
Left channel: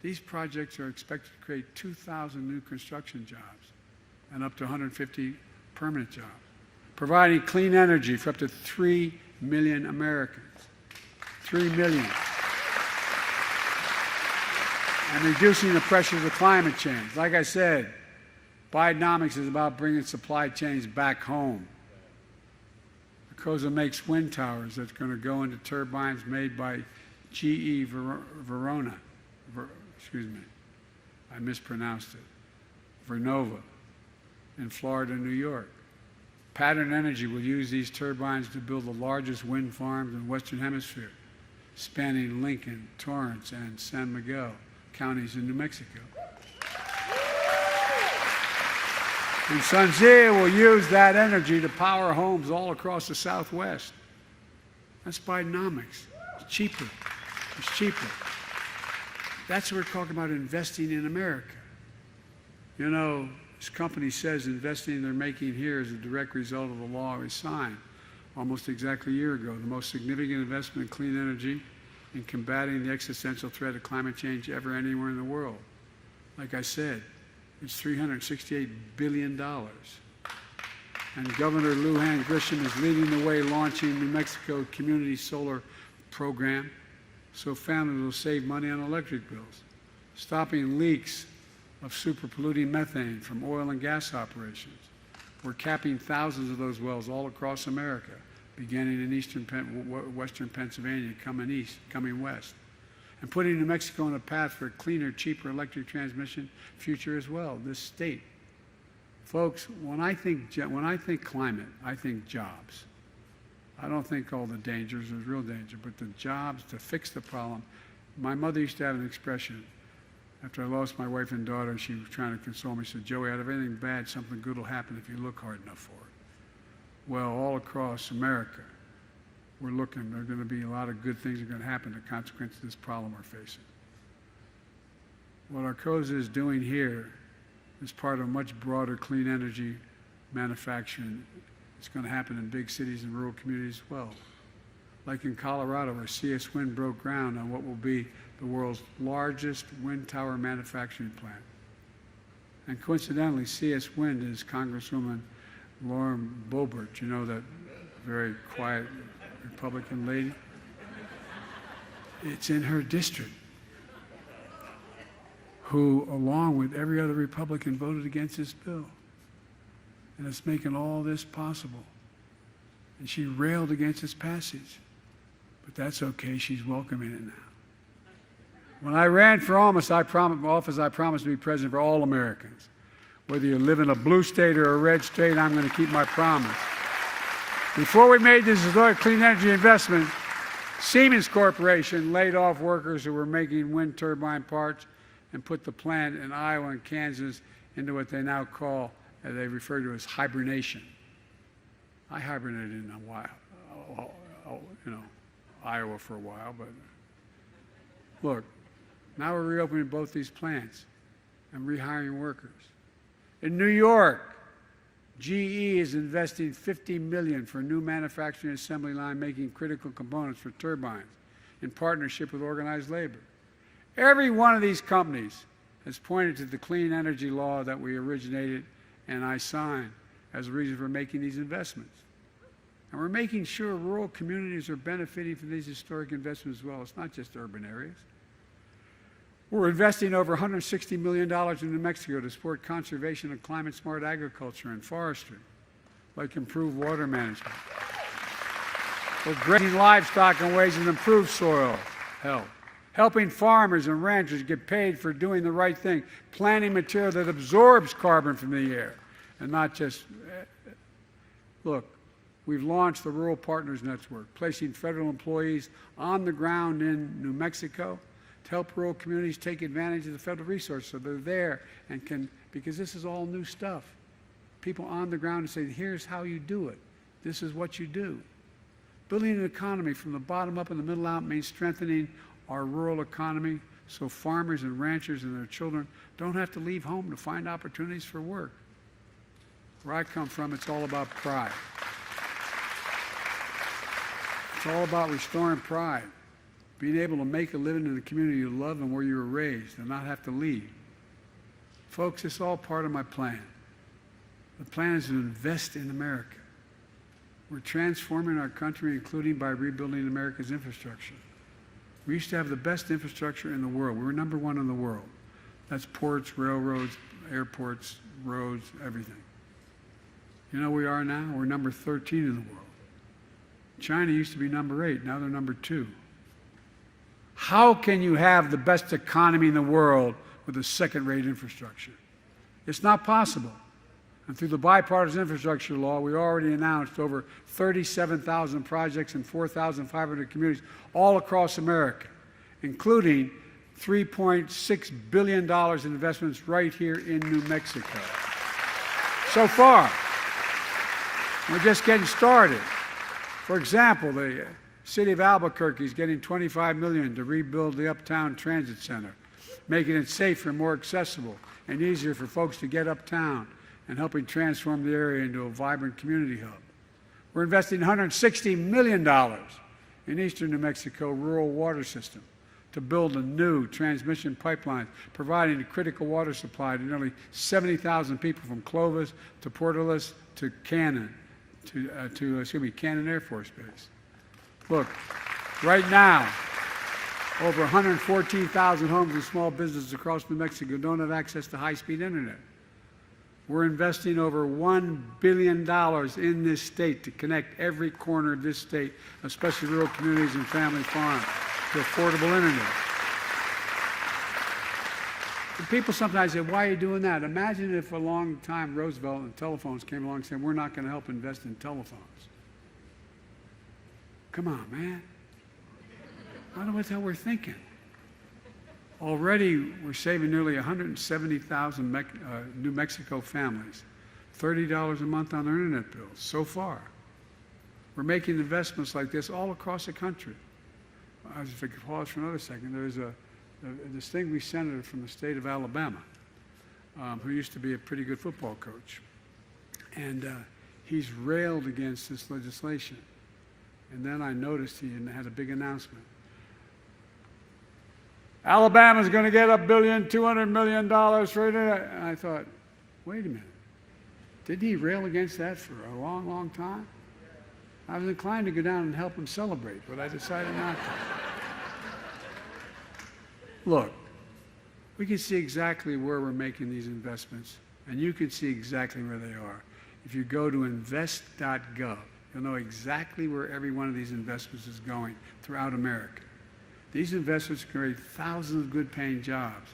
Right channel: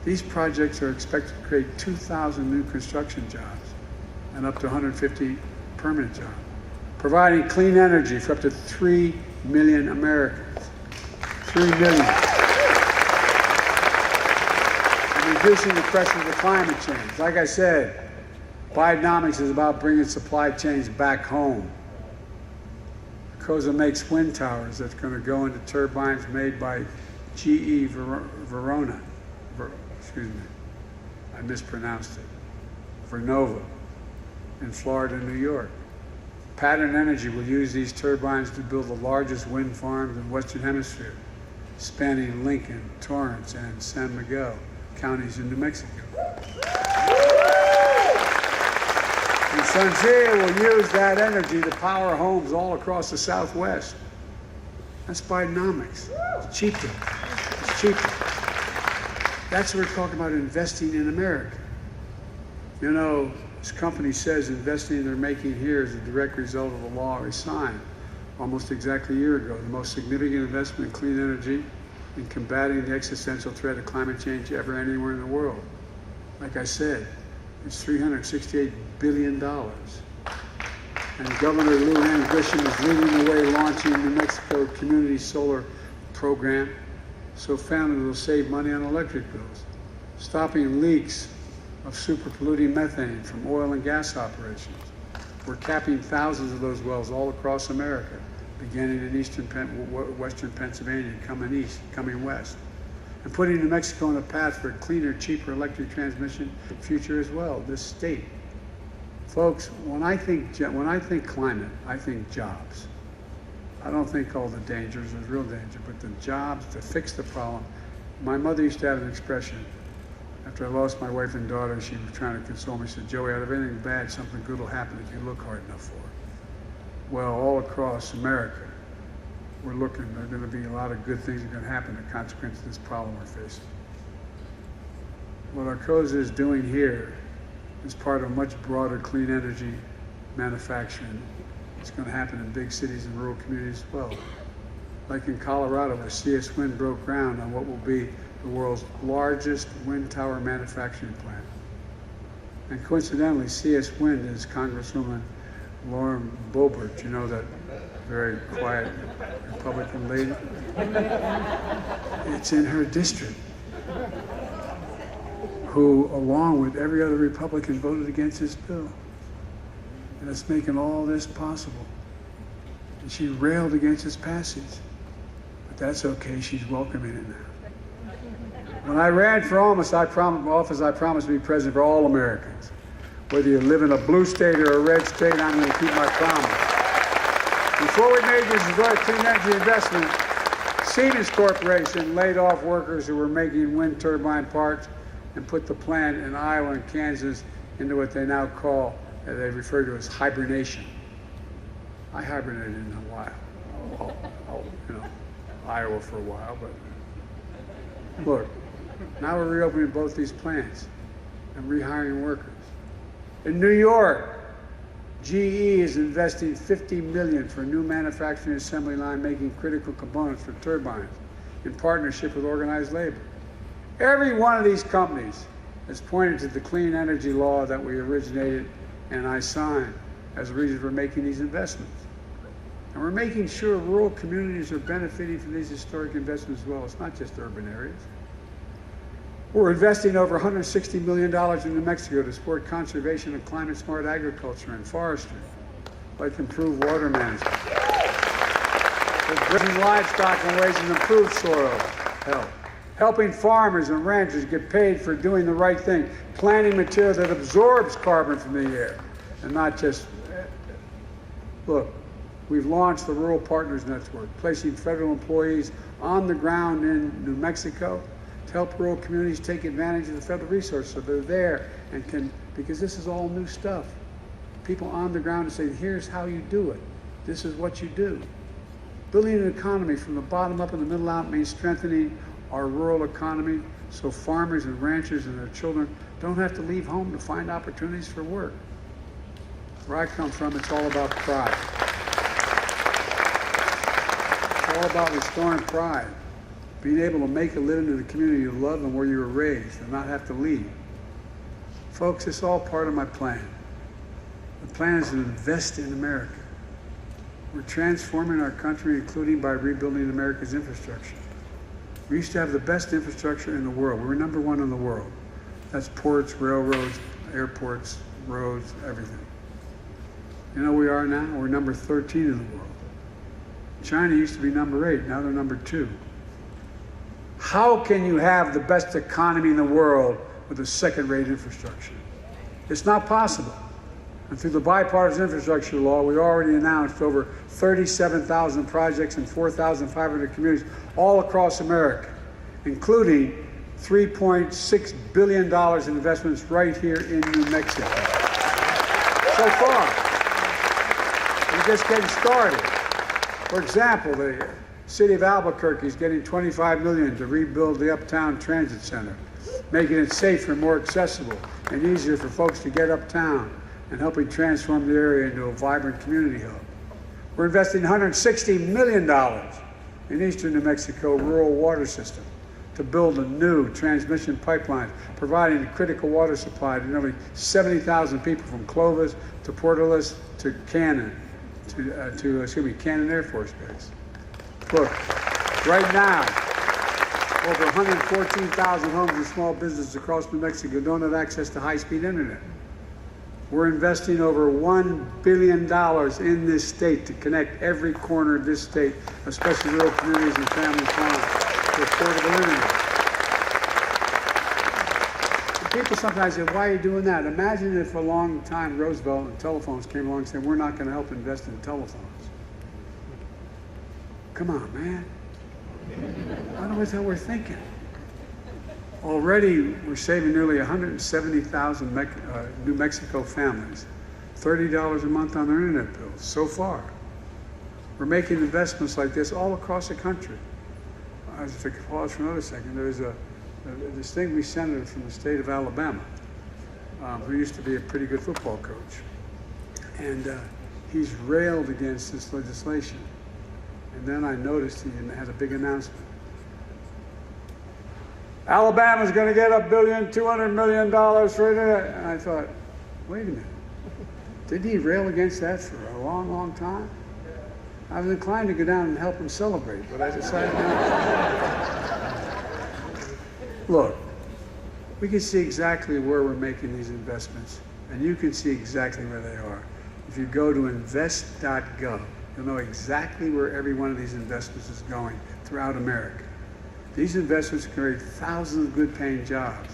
These projects are expected to create 2,000 new construction jobs and up to 150 permanent jobs, providing clean energy for up to 3 million Americans. 3 million. And reducing the pressure of climate change. Like I said, Bidenomics is about bringing supply chains back home. Arcosa makes wind towers that's going to go into turbines made by GE Verona. Excuse me, I mispronounced it. Vernova in Florida, New York. Pattern Energy will use these turbines to build the largest wind farms in the Western Hemisphere, spanning Lincoln, Torrance, and San Miguel counties in New Mexico. And Sunzee will use that energy to power homes all across the Southwest. That's Bidenomics. It's cheaper. It's cheaper. That's what we're talking about, investing in America. You know, this company says investing they're making here is a direct result of the law we signed almost exactly a year ago, the most significant investment in clean energy in combating the existential threat of climate change ever anywhere in the world. Like I said, it's $368 billion. And Governor Lujan Grisham is leading the way, launching the New Mexico Community Solar Program so families will save money on electric bills, stopping leaks of super polluting methane from oil and gas operations. We're capping thousands of those wells all across America, beginning in western Pennsylvania, coming west, and putting New Mexico on a path for a cleaner, cheaper electric transmission future as well, this state. Folks, when I think climate, I think jobs. I don't think all the dangers, there's real danger, but the jobs to fix the problem. My mother used to have an expression. After I lost my wife and daughter, she was trying to console me. She said, Joey, out of anything bad, something good will happen if you look hard enough for it. Well, all across America, we're looking. There are going to be a lot of good things that are going to happen as a consequence of this problem we're facing. What Arcosa is doing here is part of much broader clean energy manufacturing. It's going to happen in big cities and rural communities as well. Like in Colorado, where CS Wind broke ground on what will be the world's largest wind tower manufacturing plant. And coincidentally, CS Wind is Congresswoman Lauren Boebert, you know, that very quiet Republican lady. It's in her district, who, along with every other Republican, voted against this bill. And it's making all this possible. And she railed against its passage. But that's okay, she's welcoming it now. When I ran for office, I promised to be president for all Americans. Whether you live in a blue state or a red state, I'm going to keep my promise. Before we made this clean energy investment, Siemens Corporation laid off workers who were making wind turbine parts and put the plant in Iowa and Kansas into what they now call, they refer to as hibernation. I hibernated in a while, Iowa for a while, but Look, now we're reopening both these plants and rehiring workers. In New York, GE is investing $50 million for a new manufacturing assembly line making critical components for turbines in partnership with organized labor. Every one of these companies has pointed to the clean energy law that we originated and I signed as a reason for making these investments. And we're making sure rural communities are benefiting from these historic investments as well. It's not just urban areas. We're investing over $160 million in New Mexico to support conservation and climate-smart agriculture and forestry, like improved water management. We're grazing livestock in ways that improve soil health, helping farmers and ranchers get paid for doing the right thing, planting material that absorbs carbon from the air, and not just, look, we've launched the Rural Partners Network, placing federal employees on the ground in New Mexico to help rural communities take advantage of the federal resources so they're there and can, because this is all new stuff. People on the ground saying, here's how you do it. This is what you do. Building an economy from the bottom up and the middle out means strengthening our rural economy so farmers and ranchers and their children don't have to leave home to find opportunities for work. Where I come from, it's all about pride. It's all about restoring pride. Being able to make a living in the community you love and where you were raised and not have to leave. Folks, it's all part of my plan. The plan is to invest in America. We're transforming our country, including by rebuilding America's infrastructure. We used to have the best infrastructure in the world. We're number one in the world. That's ports, railroads, airports, roads, everything. You know where we are now? We're number 13 in the world. China used to be number 8, now they're number 2. How can you have the best economy in the world with a second-rate infrastructure? It's not possible. And through the bipartisan infrastructure law, we already announced over 37,000 projects in 4,500 communities all across America, including $3.6 billion in investments right here in New Mexico. So far, we're just getting started. For example, the city of Albuquerque is getting $25 million to rebuild the Uptown Transit Center, making it safer and more accessible and easier for folks to get uptown and helping transform the area into a vibrant community hub. We're investing $160 million in eastern New Mexico rural water system to build a new transmission pipeline, providing a critical water supply to nearly 70,000 people from Clovis to Portales to Cannon, Cannon Air Force Base. Look, right now, over 114,000 homes and small businesses across New Mexico don't have access to high-speed internet. We're investing over $1 billion in this state to connect every corner of this state, especially rural communities and family farms, to affordable internet. And people sometimes say, why are you doing that? Imagine if a long time Roosevelt and telephones came along and said, we're not going to help invest in telephones. Come on, man. I don't know what the hell we're thinking. Already, we're saving nearly 170,000 New Mexico families $30 a month on their internet bills so far. We're making investments like this all across the country. I was to pause for another second. There's a distinguished senator from the state of Alabama who used to be a pretty good football coach. And he's railed against this legislation. And then I noticed he had a big announcement. Alabama's going to get $1.2 billion for it. And I thought, wait a minute. Didn't he rail against that for a long, long time? I was inclined to go down and help him celebrate, but I decided not. Look, we can see exactly where we're making these investments, and you can see exactly where they are. If you go to invest.gov, you'll know exactly where every one of these investments is going throughout America. These investments create thousands of good-paying jobs.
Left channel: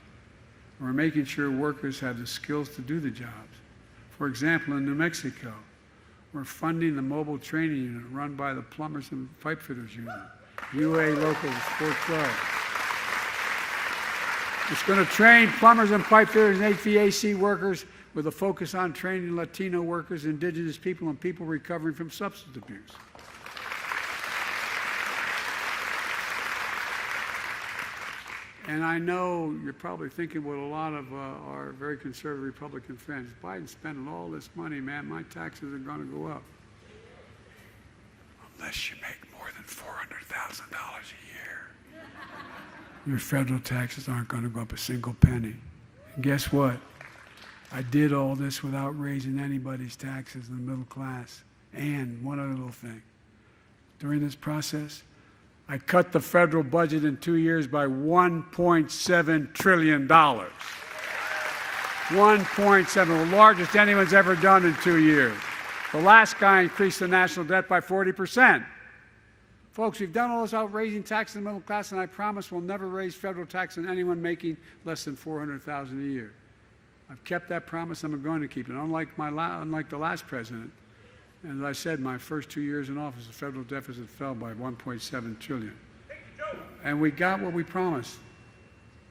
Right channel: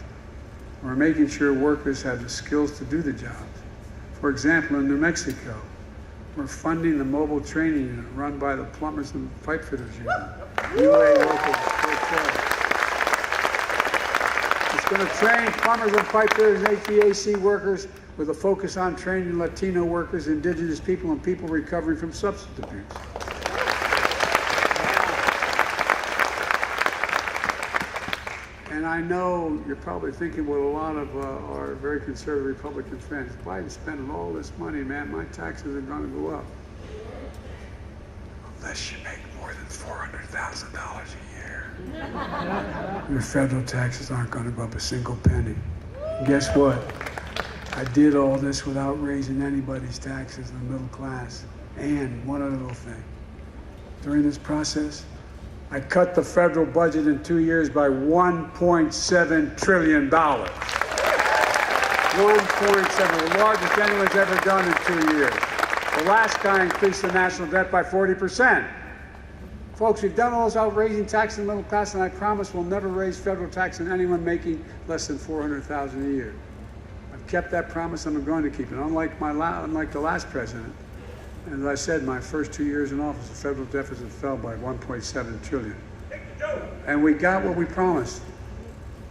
We're making sure workers have the skills to do the jobs. For example, in New Mexico, we're funding a mobile training unit run by the Plumbers and Pipe Fitters Union, UA Local 412. It's going to train plumbers and pipe fitters and HVAC workers with a focus on training Latino workers, indigenous people, and people recovering from substance abuse. And I know you're probably thinking what a lot of our very conservative Republican friends, Biden's spending all this money, man, my taxes are going to go up. Unless you make more than $400,000 a year. Your federal taxes aren't going to go up a single penny. And guess what? I did all this without raising anybody's taxes in the middle class. And one other little thing. During this process, I cut the federal budget in 2 years by $1.7 trillion. 1.7, the largest anyone's ever done in 2 years. The last guy increased the national debt by 40%. Folks, we've done all those outraising taxes in the middle class, and I promise we'll never raise federal tax on anyone making less than $400,000 a year. I've kept that promise, and I'm going to keep it. Unlike the last president, and as I said, my first 2 years in office, the federal deficit fell by $1.7 trillion. And we got what we promised.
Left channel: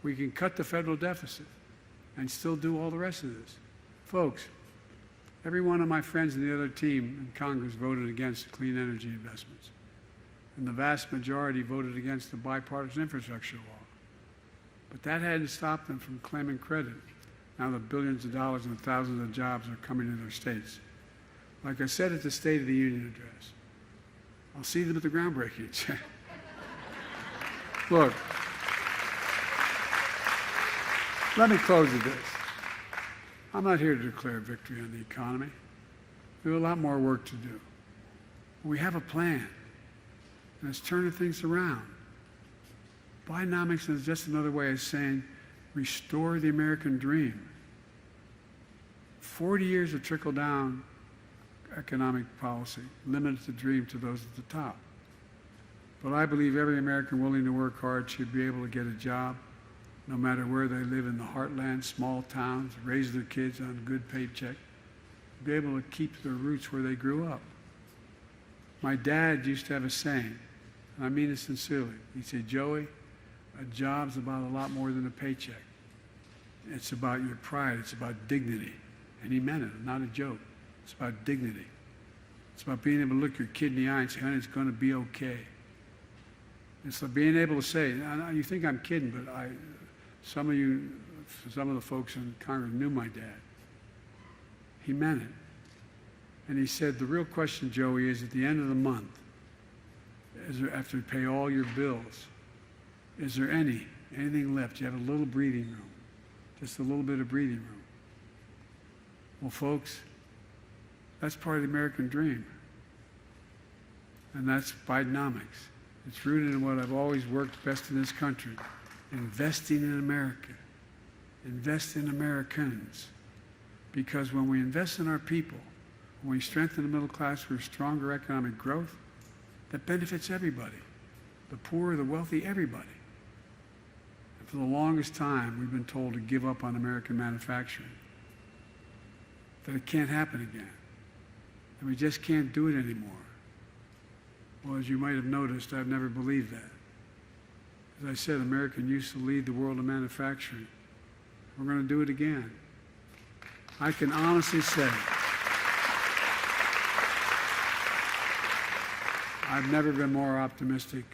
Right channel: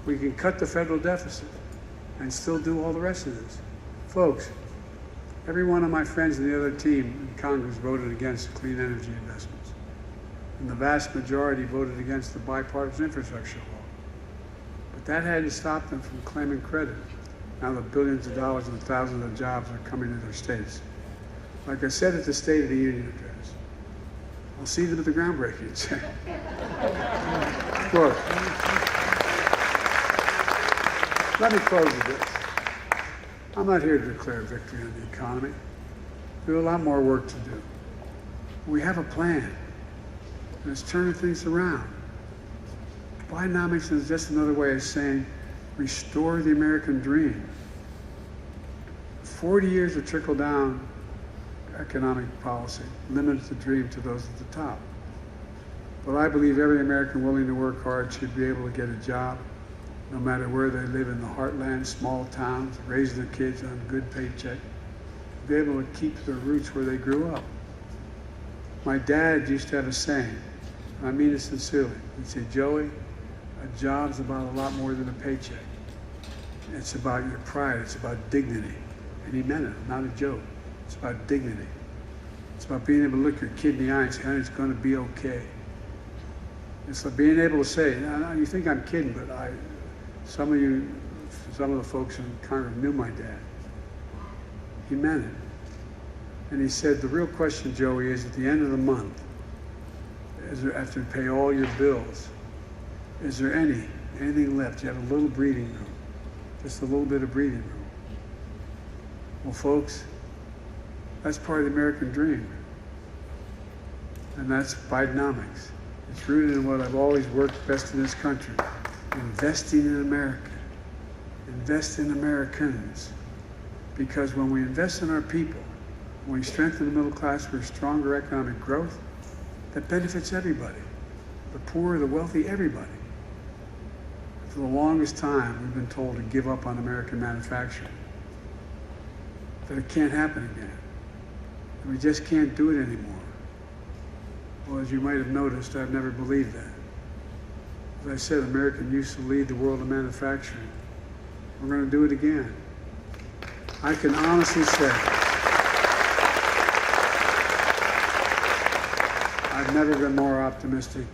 We can cut the federal deficit and still do all the rest of this. Folks, every one of my friends in the other team in Congress voted against clean energy investments. And the vast majority voted against the bipartisan infrastructure law. But that hadn't stopped them from claiming credit. Now the billions of dollars and thousands of jobs are coming to their states. Like I said at the State of the Union address, I'll see them at the groundbreaking. Look, let me close with this. I'm not here to declare victory on the economy. We have a lot more work to do. We have a plan, and it's turning things around. Bidenomics is just another way of saying restore the American dream. 40 years of trickle-down economic policy limited the dream to those at the top. But I believe every American willing to work hard should be able to get a job, no matter where they live in the heartland, small towns, raise their kids on a good paycheck, be able to keep their roots where they grew up. My dad used to have a saying, and I mean it sincerely. He'd say, Joey, a job's about a lot more than a paycheck. It's about your pride, it's about dignity. And he meant it, not a joke. It's about dignity. It's about being able to look your kid in the eye and say, honey, it's going to be okay. It's like being able to say, you think I'm kidding, but some of the folks in Congress knew my dad. He meant it. And he said, the real question, Joey, is at the end of the month, after you pay all your bills, is there anything left? You have a little breathing room, just a little bit of breathing room. Well, folks, that's part of the American dream. And that's Bidenomics. It's rooted in what I've always worked best in this country. Investing in America. Invest in Americans. Because when we invest in our people, when we strengthen the middle class with stronger economic growth, that benefits everybody. The poor, the wealthy, everybody. For the longest time, we've been told to give up on American manufacturing. That it can't happen again. And we just can't do it anymore. Well, as you might have noticed, I've never believed that. As I said, America used to lead the world in manufacturing. We're going to do it again. I can honestly say, I've never been more optimistic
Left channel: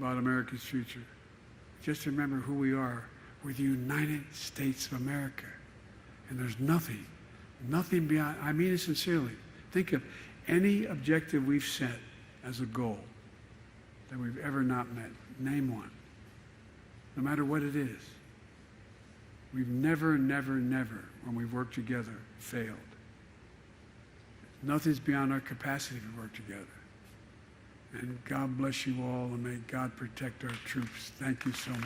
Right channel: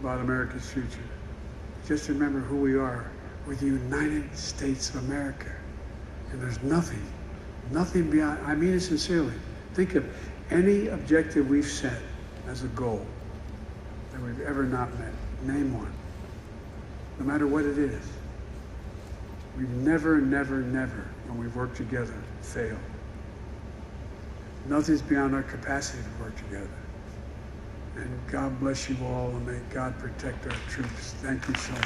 about America's future. Just remember who we are. We're the United States of America. And there's nothing beyond, I mean it sincerely. Think of any objective we've set as a goal that we've ever not met. Name one. No matter what it is. We've never, when we've worked together, failed. Nothing's beyond our capacity to work together. And God bless you all, and may God protect our troops. Thank you so much.